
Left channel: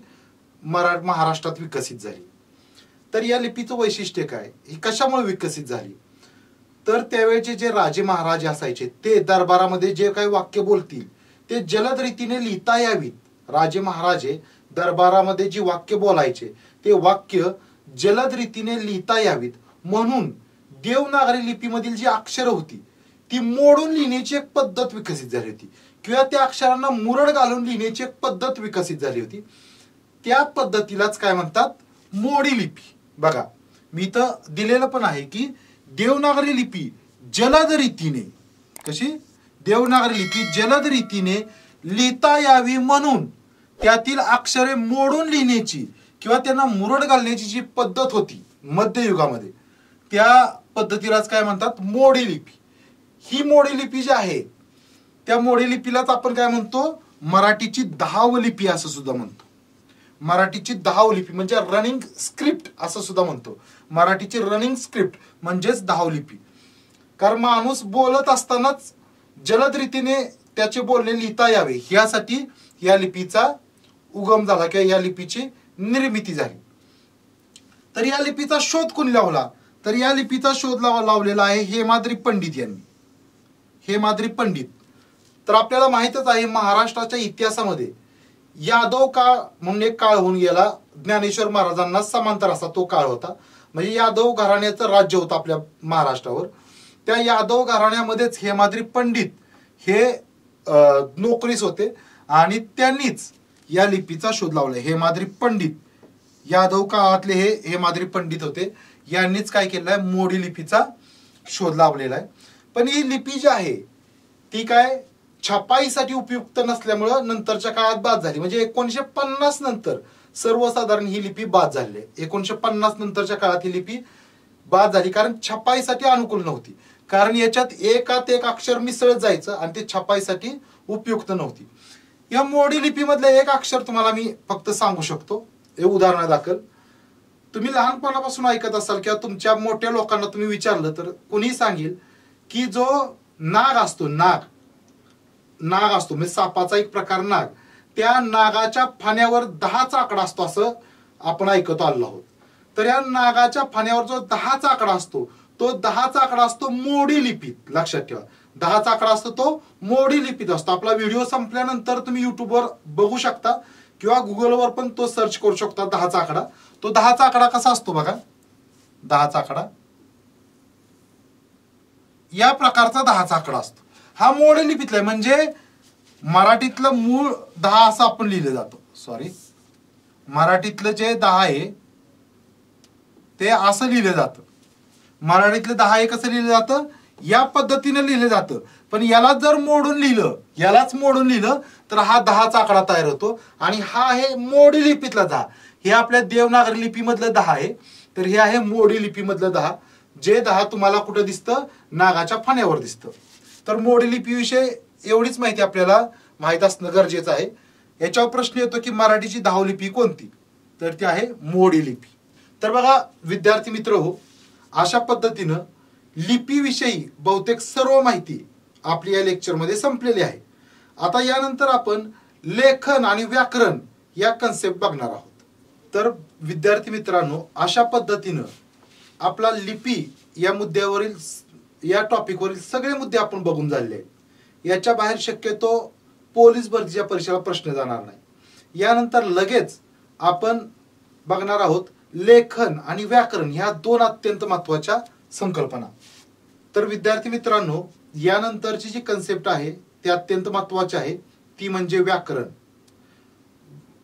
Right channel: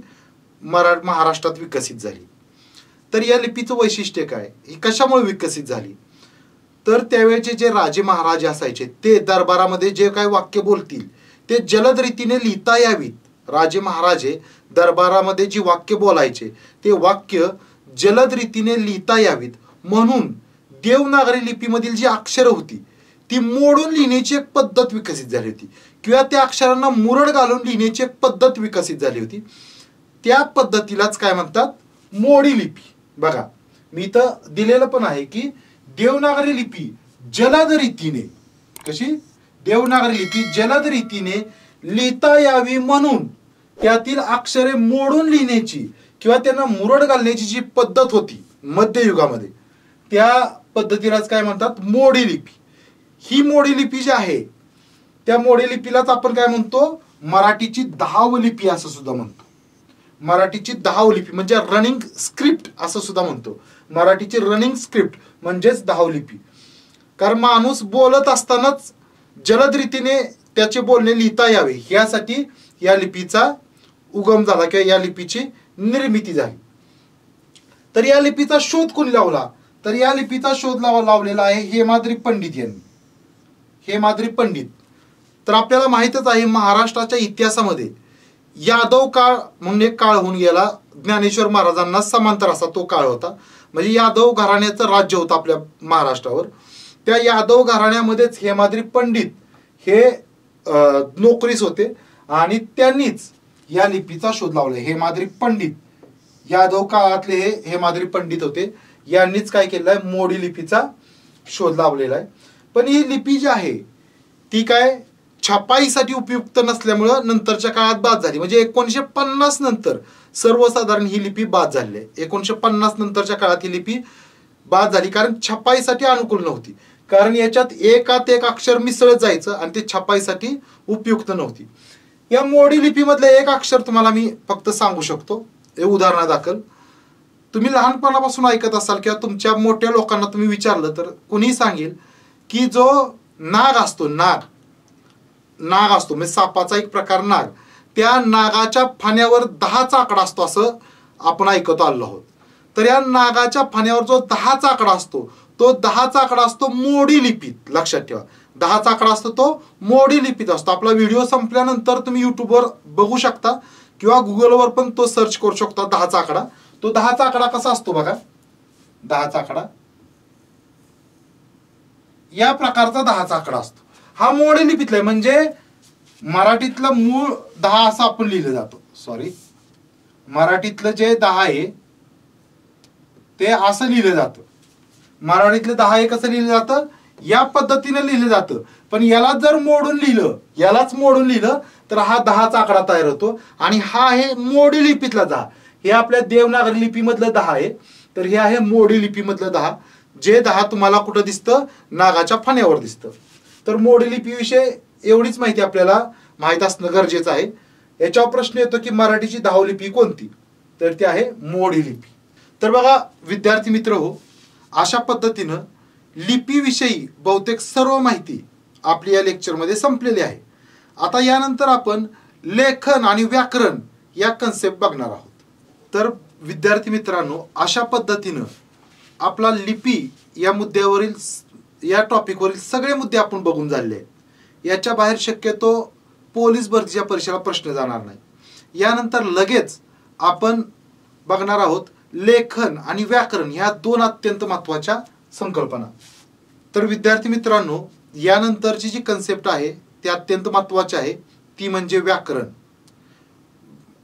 महाराष्ट्रात विकसित झाली. तर या लिपीचं वैशिष्ट्य काय, ही कशामुळे विकसित झाली, तर त्यावेळेचे जे राजे महाराजे असायचे ते दरबारामध्ये जे काही वाक्य बोलतील ते जलद रीतीने लिहिता यावीत. राजे महाराजे दरबारामध्ये जी वाक्य बोलायचे ते वाक्य जलद रीतीने लिहिता यावीत म्हणून देवनागरी लिपीमधील जी अक्षरं होती ती मोडून लिहिण्याची एक पद्धत विकसित झाली होती, किंवा त्या अक्षरांना मुरड घालून लिहिण्याची एक पद्धत विकसित झाली होती. त्या पद्धतीलाच काय म्हणतात, मोडी लिपी. बघा मी इथं दिलेलं पण आहे की देवनागरी लिपी जलद रीतीने, कशी देवनागरी लिपी जलद रीतीने लिहिता यावी म्हणून त्यातील अक्षरे मोडून लिहिण्याची किंवा त्यांना मुरड घालण्याची जी पद्धत होती मध्ययुगामध्ये, त्या पद्धतीलाच काय म्हणतात, मोडी लिपी. ही मोडी लिपी जी आहे त्या मोडी लिपीलाच आपण काय म्हणतो, मराठीची 10व लिपी असं सुद्धा म्हणतो. मराठीची 10व लिपी म्हणजे रनिंग स्क्रिप्ट असं सुद्धा म्हणतो. मराठीची रनिंग स्क्रिप्ट म्हणजेच 10व लिपी. कारण माणूस बोलत असतानाच जलद रीतीने त्याचे बोलणे लिहिता यावे यासाठी या लिपीचा उगम झाला किंवा या लिपीची निर्मिती झाली. तर या लिपीचा शोध कोणी लावला, तर या लिपीचा शोध लावलेला आहे हेमाद्री पंडित यांनी. हेमाद्री पंडित. तर आपल्याला माहितच आहे महाराष्ट्राच्या इतिहासामध्ये यादव काळ म्हणून एक काळ होऊन गेला, ज्ञानेश्वर महाराजांना समांतर असा तो काळ होता. म्हणजे यादव घराण्याचं राज्य होतं आपल्या महाराष्ट्रावर. त्या यादव घराण्यामध्येच हेमाद्री पंडित हे नोकरीस होते आणि त्यांनीच या लिपीचा शोध लावला. हेमाद्री पंडित यादव काळातले हे हेमाद्री पंडित होते, यांनीच काय केलेलं आहे, मोडी लिपीचा शोध लावलेला आहे. पण ही लिपी जी आहे ती काय छपाईसाठी उपयुक्त नसल्यामुळं नंतरच्या काळात बाद झाली. म्हणजे 1950 नंतर सर्वसाधारण ही लिपी बाद झाली आहे. 1950 नंतरच्या काळात ही लिपी बाद झाली कारण छपाईसाठी अनुकूल नव्हती. कारण याच्यात एकात एक अक्षर मिसळत जायचं आणि ते छपाईसाठी उपयुक्त नव्हती. या मोडी लिपीमधलं एक अक्षर तुम्हाला मी फक्त सांगू शकतो उदाहरणादाखल. तुम्ही लहानपणापासून ऐकत असाल किंवा तुमच्या मोठ्या लोकांना तुम्ही विचारलं तर कुणी सांगेल की जो नाग असतो, नाग असतो म्हणजे सापाचा एक प्रकार नाग, त्या नागाच्या फाण्यावर 10चा आकडा असतो असं आपण ऐकत आलो आहोत. तर या नागाच्या फाण्यावर जो 10चा आकडा असतो तो 10चा आकडा असतो मोडी लिपीत. लक्षात ठेवा 10चा आकडा असतो तो मोडी लिपीत असतो. आपला व्हिडिओ संपल्यानंतर तुम्ही युट्यूबवर बघू शकता किंवा गुगलवर पण तो सर्च करू शकता 10चा आकडा. तो 10चा आकडा कसा असतो बघा, 10चा आकडा या प्रकारचा 10चा आकडा असतो. हा मोडी लिपीतला आहे म्हणजे मराठीतलं मूळ 10 असं आपण लिहिलं जातो. सॉरी, मराठीतलं जे 10 आहे ते असं लिहिलं जातं. मराठीतलं 10 हे कसं लिहिलं जातं, या पद्धतीनं लिहिलं जातं. पण याला जर मोडून लिहिलं, यालाच मोडून लिहिलं तर हा 10चा आकडा तयार होतो. आणि हा आहे मोडी लिपीतला 10. हे आपल्या देवनागरी लिपीमधलं 10 आहे, तर हे आहे मोडी लिपीमधलं 10. जे 10 तुम्हाला कुठं दिसतं, नागाच्या फण्यावर दिसतं. तर मोडी लिपीविषयी एवढीच माहिती आपल्याला माहित असणं गरजेचं आहे. याच्यावर प्रश्न येतो की मराठीची 10वी लिपी कोणती, तर ती आहे मोडी लिपी. तर बघा विद्यार्थी मित्र हो, अशा पद्धतीनं लिपीविषयी बहुतेक सर्व माहिती आपली या लेक्चरमध्ये संपलेली आहे. आता यानंतर आपण लेखन आणि व्याकरण या कन्सेप्ट बघणार आहोत. तर विद्यार्थी मित्रांनो, अशा पद्धतीनं आपला लिपी या मुद्द्यावरील, या टॉपिकवरील सगळे मुद्दे आपण बघून झाले आहेत. याच्या बाहेर शक्यतो पोलीस भरतीच्या परीक्षेला प्रश्न जाणार नाही. यानंतर लगेच आपण बघणार आहोत लेखन आणि व्याकरण ह्या 2 अत्यंत महत्त्वाच्या संकल्पना. तर विद्यार्थी मित्रांनो, यानंतरची जी कन्सेप्ट आहे ती अत्यंत महत्त्वाची आहे, ती म्हणजे व्याकरण.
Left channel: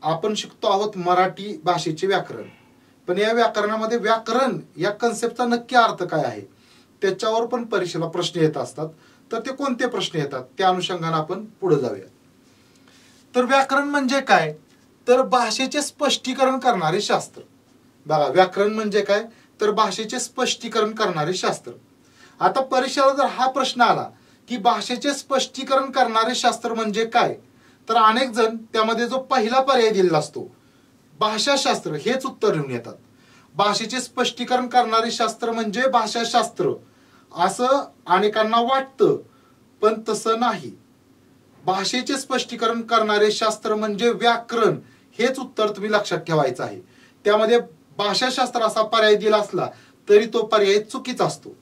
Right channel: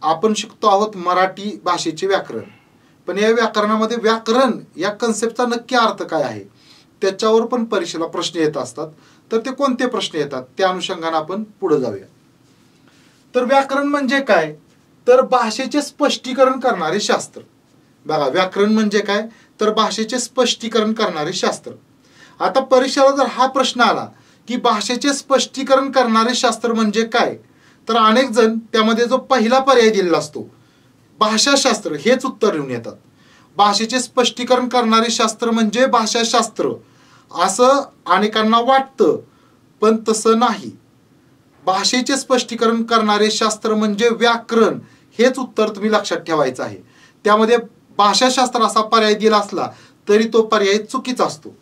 आपण शिकतो आहोत मराठी भाषेचे व्याकरण. पण या व्याकरणामध्ये व्याकरण या कन्सेप्टचा नक्की अर्थ काय आहे, त्याच्यावर पण परीक्षेला प्रश्न येत असतात. तर ते कोणते प्रश्न येतात त्या अनुषंगाने आपण पुढे जाऊया. तर व्याकरण म्हणजे काय, तर भाषेचे स्पष्टीकरण करणारे शास्त्र. बघा व्याकरण म्हणजे काय, तर भाषेचे स्पष्टीकरण करणारे शास्त्र. आता परीक्षेला जर हा प्रश्न आला की भाषेचे स्पष्टीकरण करणारे शास्त्र म्हणजे काय, तर अनेक जण त्यामध्ये जो पहिला पर्याय दिलेला असतो भाषाशास्त्र हेच उत्तर लिहून येतात. भाषेचे स्पष्टीकरण करणारे शास्त्र म्हणजे भाषाशास्त्र असं अनेकांना वाटतं, पण तसं नाही. भाषेचे स्पष्टीकरण करणारे शास्त्र म्हणजे व्याकरण हेच उत्तर तुम्ही लक्षात ठेवायचं आहे. त्यामध्ये भाषाशास्त्र असा पर्याय दिला असला तरी तो पर्याय चुकीचा असतो.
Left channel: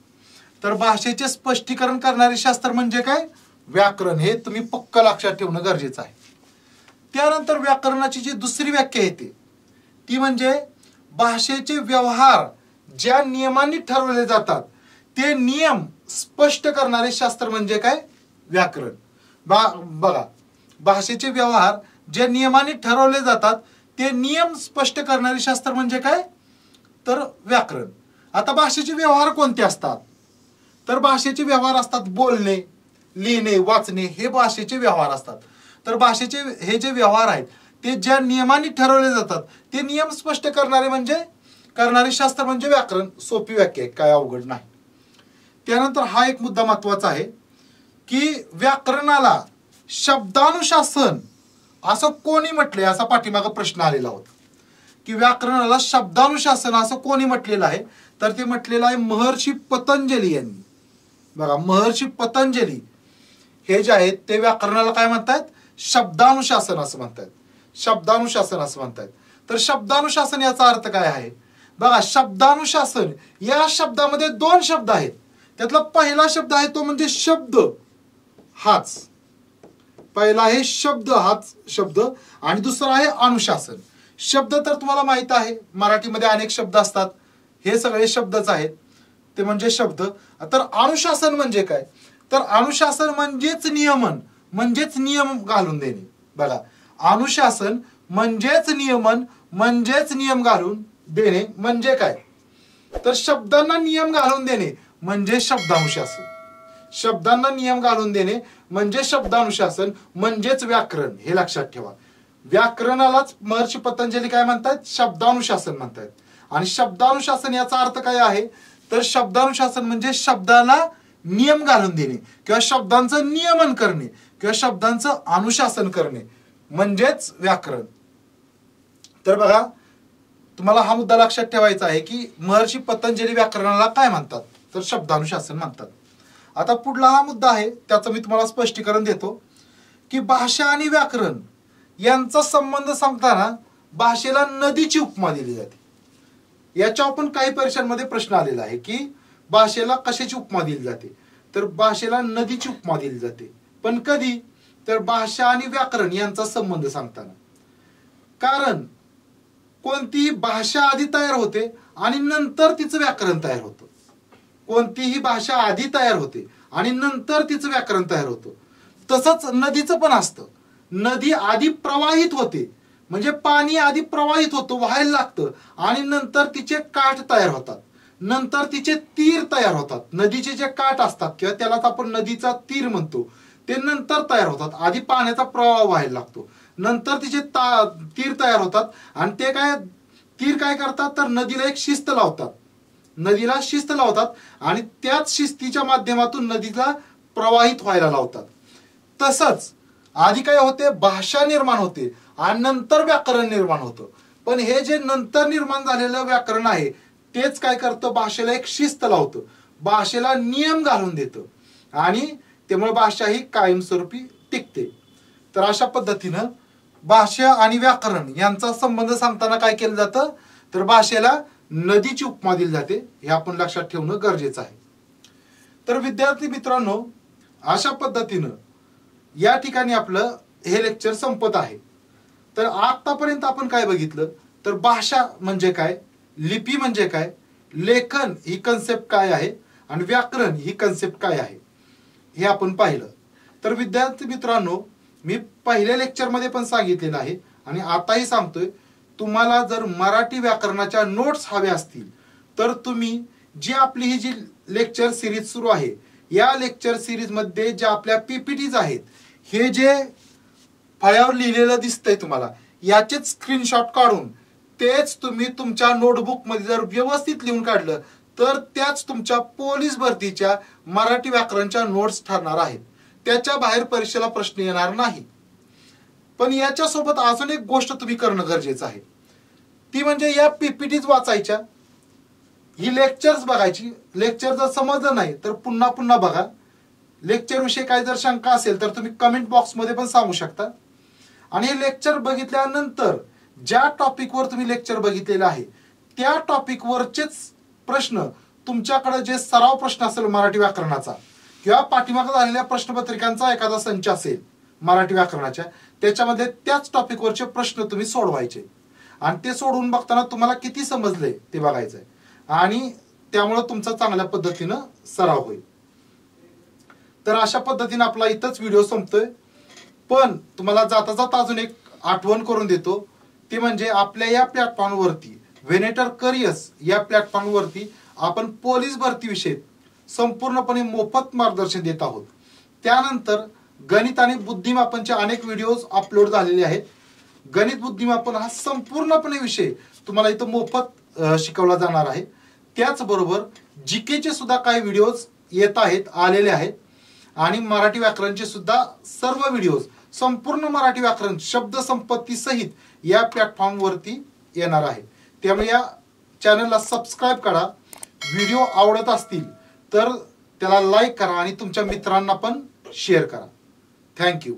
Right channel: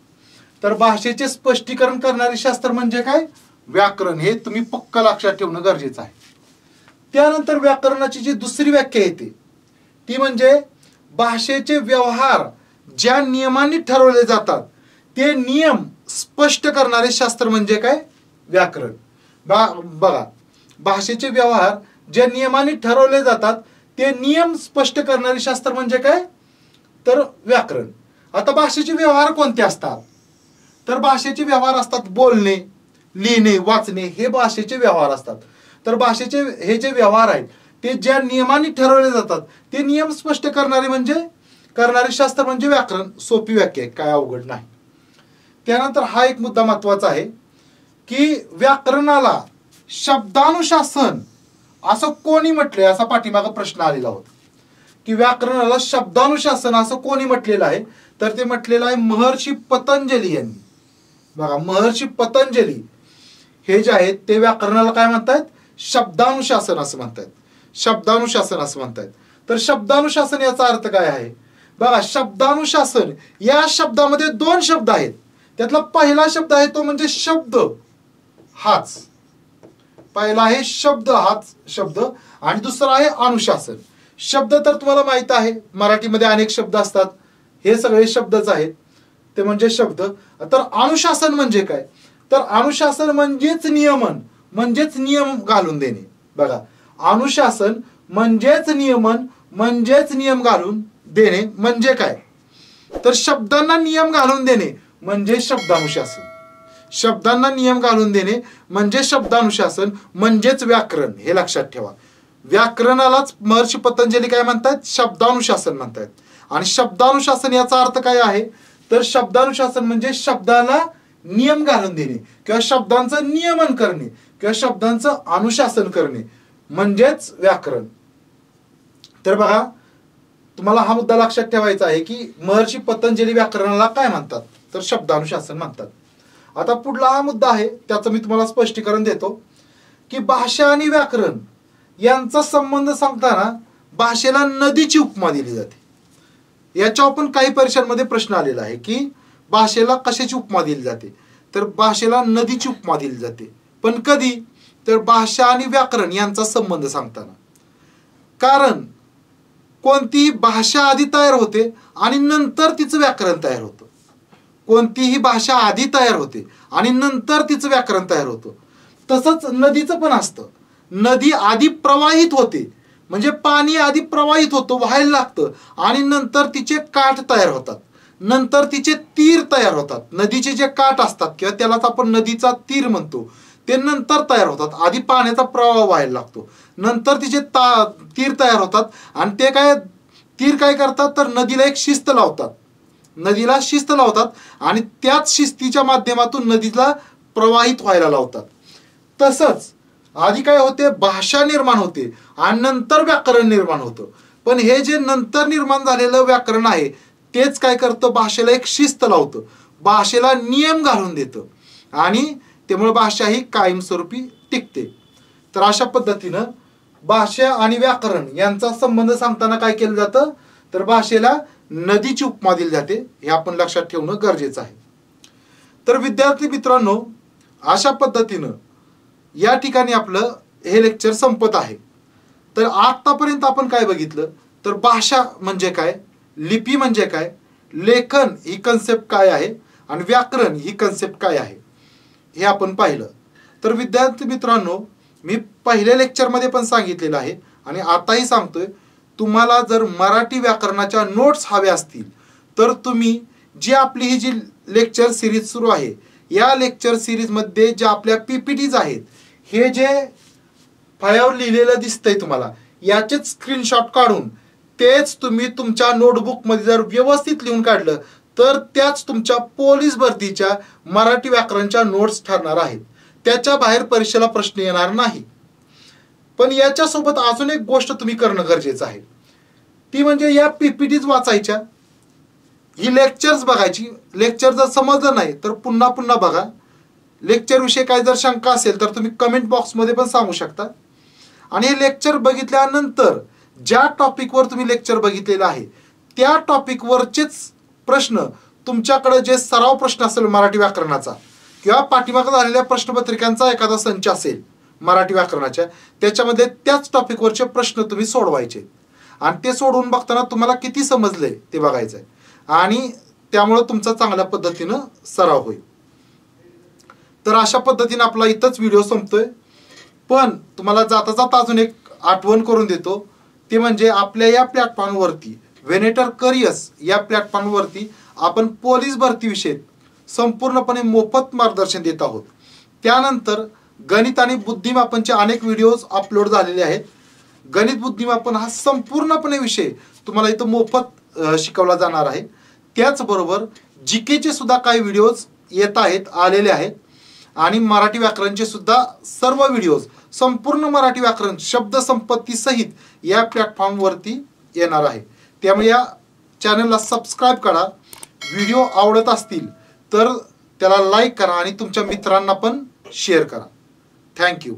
तर भाषेचे स्पष्टीकरण करणारे शास्त्र म्हणजे काय, व्याकरण, हे तुम्ही पक्क लक्षात ठेवणं गरजेचं आहे. त्यानंतर व्याकरणाची जी दुसरी व्याख्या येते ती म्हणजे भाषेचे व्यवहार ज्या नियमांनी ठरवले जातात ते नियम स्पष्ट करणारे शास्त्र म्हणजे काय, व्याकरण. बघा भाषेचे व्यवहार ज्या नियमांनी ठरवले जातात ते नियम स्पष्ट करणारे शास्त्र म्हणजे काय, तर व्याकरण. आता भाषेचे व्यवहार कोणते असतात, तर भाषेचे व्यवहार असतात बोलणे, लिहिणे, वाचणे, हे भाषेचे व्यवहार असतात. तर भाषेचे हे जे व्यवहार आहेत ते ज्या नियमांनी ठरवले जातात ते नियम स्पष्ट करणारे शास्त्र म्हणजे व्याकरण. सोपी व्याख्या आहे, काय अवघड नाही. त्यानंतर हा एक मुद्दा महत्वाचा आहे की व्याकरणाला शब्दानुशासन असं कोणी म्हटलंय, असा पाठीमागे प्रश्न आलेला होता की व्याकरणाला शब्दानुशासन असं कोणी म्हटलेलं आहे, तर ते म्हटलेलं आहे महर्षी पतंजली यांनी. बघा महर्षी पतंजली हे जे आहेत ते व्याकरणाला काय म्हणतात, शब्दानुशासन असं म्हणतात. शब्दानुशासन असं म्हणतात. तर शब्दानुशासन याचा अर्थ काय आहे, बघा शब्दानुशासन या शब्दामध्ये 2 शब्द आहेत. त्यातला पहिला शब्द आहे तो म्हणजे शब्द हाच. पहिला आहे शब्द हाच शब्द आणि दुसरा आहे अनुशासन. शब्द तर तुम्हाला माहित आहे मराठीमध्ये अनेक शब्द असतात, हे सगळे शब्दच आहेत, ते म्हणजे शब्द. तर अनुशासन म्हणजे काय, तर अनुशासन म्हणजेच नियमन, म्हणजेच नियम घालून देणे. बघा अनुशासन म्हणजेच नियमन, म्हणजेच नियम घालून देणे म्हणजे काय, तर शब्दांना नियम घालून देणे म्हणजे शब्दानुशासन. शब्दांना नियम घालून देणे म्हणजे शब्दानुशासन म्हणजेच व्याकरण, हे लक्षात ठेवा. व्याकरणालाच महर्षी पतंजली काय म्हणतात, शब्दानुशासन म्हणतात. आणि शब्दानुशासन याचा अर्थ काय आहे, तर शब्दानुशासन म्हणजे शब्दाला नियम घालून देणे किंवा शब्दांचं नियमन करणे किंवा शब्दांचं अनुशासन करणे म्हणजेच व्याकरण. तर बघा तुम्हाला हा मुद्दा लक्षात ठेवायचा आहे की महर्षी पतंजली व्याकरणाला काय म्हणतात, तर शब्दानुशासन म्हणतात. आता पुढला हा मुद्दा आहे त्याचं मी तुम्हाला स्पष्टीकरण देतो की भाषा आणि व्याकरण यांचा संबंध सांगताना भाषेला नदीची उपमा दिली जाते. याच्यावर पण काही परीक्षांमध्ये प्रश्न आलेला आहे की भाषेला कशाची उपमा दिली जाते, तर भाषेला नदीची उपमा दिली जाते. पण कधी, तर भाषा आणि व्याकरण यांचा संबंध सांगताना. कारण कोणतीही भाषा आधी तयार होते आणि नंतर तिचं व्याकरण तयार होतं. कोणतीही भाषा आधी तयार होते आणि नंतर तिचं व्याकरण तयार होतं. तसंच नदीचं पण असतं. नदी आधी प्रवाहित होते, म्हणजे पाणी आधी प्रवाहित होतं, व्हायला लागतं आणि नंतर तिचे काठ तयार होतात. नंतर तिचे तीर तयार होतात. नदीचे जे काठ असतात किंवा त्यालाच आपण नदीचा तीर म्हणतो, ते नंतर तयार होतात. आधी पाण्याचा प्रवाह व्हायला लागतो, नंतर तिचे तीर तयार होतात. आणि ते तीर काय करतात तर नदीला एक शिस्त लावतात, नदीला शिस्त लावतात आणि त्याच शिस्तीच्या माध्यमातून नदीला प्रवाहित व्हायला लावतात. तसंच आधी काय होते, भाषा निर्माण होते आणि नंतर व्याकरण निर्माण होतं. पण हे जे नंतर निर्माण झालेलं व्याकरण आहे तेच काय करतं, भाषेला एक शिस्त लावतं, भाषेला नियम घालून देतं आणि त्यामुळे भाषा ही कायमस्वरूपी टिकते. तर अशा पद्धतीनं भाषा आणि व्याकरण यांचा संबंध सांगताना काय केलं जातं तर भाषेला नदीची उपमा दिली जाते. हे आपण लक्षात ठेवणं गरजेचं आहे. तर विद्यार्थी मित्रांनो, अशा पद्धतीनं या ठिकाणी आपलं हे लेक्चर संपत आहे. तर आतापर्यंत आपण काय बघितलं तर भाषा म्हणजे काय, लिपी म्हणजे काय, लेखन ही कन्सेप्ट काय आहे आणि व्याकरण ही कन्सेप्ट काय आहे हे आपण पाहिलं. तर विद्यार्थी मित्रांनो, मी पहिल्या लेक्चरमध्ये पण सांगितलेलं आहे आणि आताही सांगतोय, तुम्हाला जर मराठी व्याकरणाच्या नोट्स हव्या असतील तर तुम्ही जी आपली ही जी लेक्चर सिरीज सुरू आहे, या लेक्चर सिरीज मध्ये ज्या आपल्या पीपीटीज आहेत, हे जे फळ्यावर लिहिलेलं दिसतंय तुम्हाला, याचेच स्क्रीनशॉट काढून तेच तुम्ही तुमच्या नोटबुक मध्ये जर व्यवस्थित लिहून काढलं तर त्याच तुमच्या पोलीस भरतीच्या मराठी व्याकरणच्या नोट्स ठरणार आहेत. त्याच्या बाहेर परीक्षेला प्रश्न येणार नाही. पण याच्यासोबत अजून एक गोष्ट तुम्ही करणं गरजेचं आहे, ती म्हणजे या पीपीटीज वाचायच्या, ही लेक्चर्स बघायची. लेक्चर जर समजलं नाही तर पुन्हा पुन्हा बघा. लेक्चर विषयी काय जर शंका असेल तर तुम्ही कमेंट बॉक्स मध्ये पण सांगू शकता. आणि हे लेक्चर बघितल्यानंतर ज्या टॉपिकवर तुम्ही लेक्चर बघितलेलं आहे त्या टॉपिकवरचेच प्रश्न, तुमच्याकडे जे सराव प्रश्न असेल मराठी व्याकरणाचा किंवा पाठीमागे झालेल्या प्रश्नपत्रिकांचा एखादा संच असेल मराठी व्याकरणाच्या, त्याच्यामध्ये त्याच टॉपिकवरचे प्रश्न तुम्ही सोडवायचे आणि ते सोडवून बघताना तुम्हाला किती समजले ते बघायचंय आणि त्यामुळे तुमचा चांगल्या पद्धतीनं सराव होईल. तर अशा पद्धतीने आपला इथंच व्हिडिओ संपतोय. पण तुम्हाला जाता जाता अजून एक आठवण करून देतो, ते म्हणजे आपल्या या प्लॅटफॉर्मवरती वेनेटर करियर्स या प्लॅटफॉर्मवरती आपण पोलीस भरतीविषयी संपूर्णपणे मोफत मार्गदर्शन देत आहोत. त्यानंतर गणित आणि बुद्धिमापनचे अनेक व्हिडिओज अपलोड झालेले आहेत. गणित बुद्धिमापन हा संपूर्णपणे विषय तुम्हाला इथं मोफत शिकवला जाणार आहे. त्याचबरोबर जीकेचे सुद्धा काही व्हिडिओज येत आहेत, आलेले आहेत आणि मराठी व्याकरणचे सुद्धा सर्व व्हिडिओज, संपूर्ण मराठी व्याकरण शब्द संपत्ती सहित या प्लॅटफॉर्मवरती येणार आहे. त्यामुळे या चॅनलला सबस्क्राईब करा. व्हिडिओ आवडत असतील तर त्याला लाईक करा आणि तुमच्या मित्रांना पण शेअर करा. थँक्यू.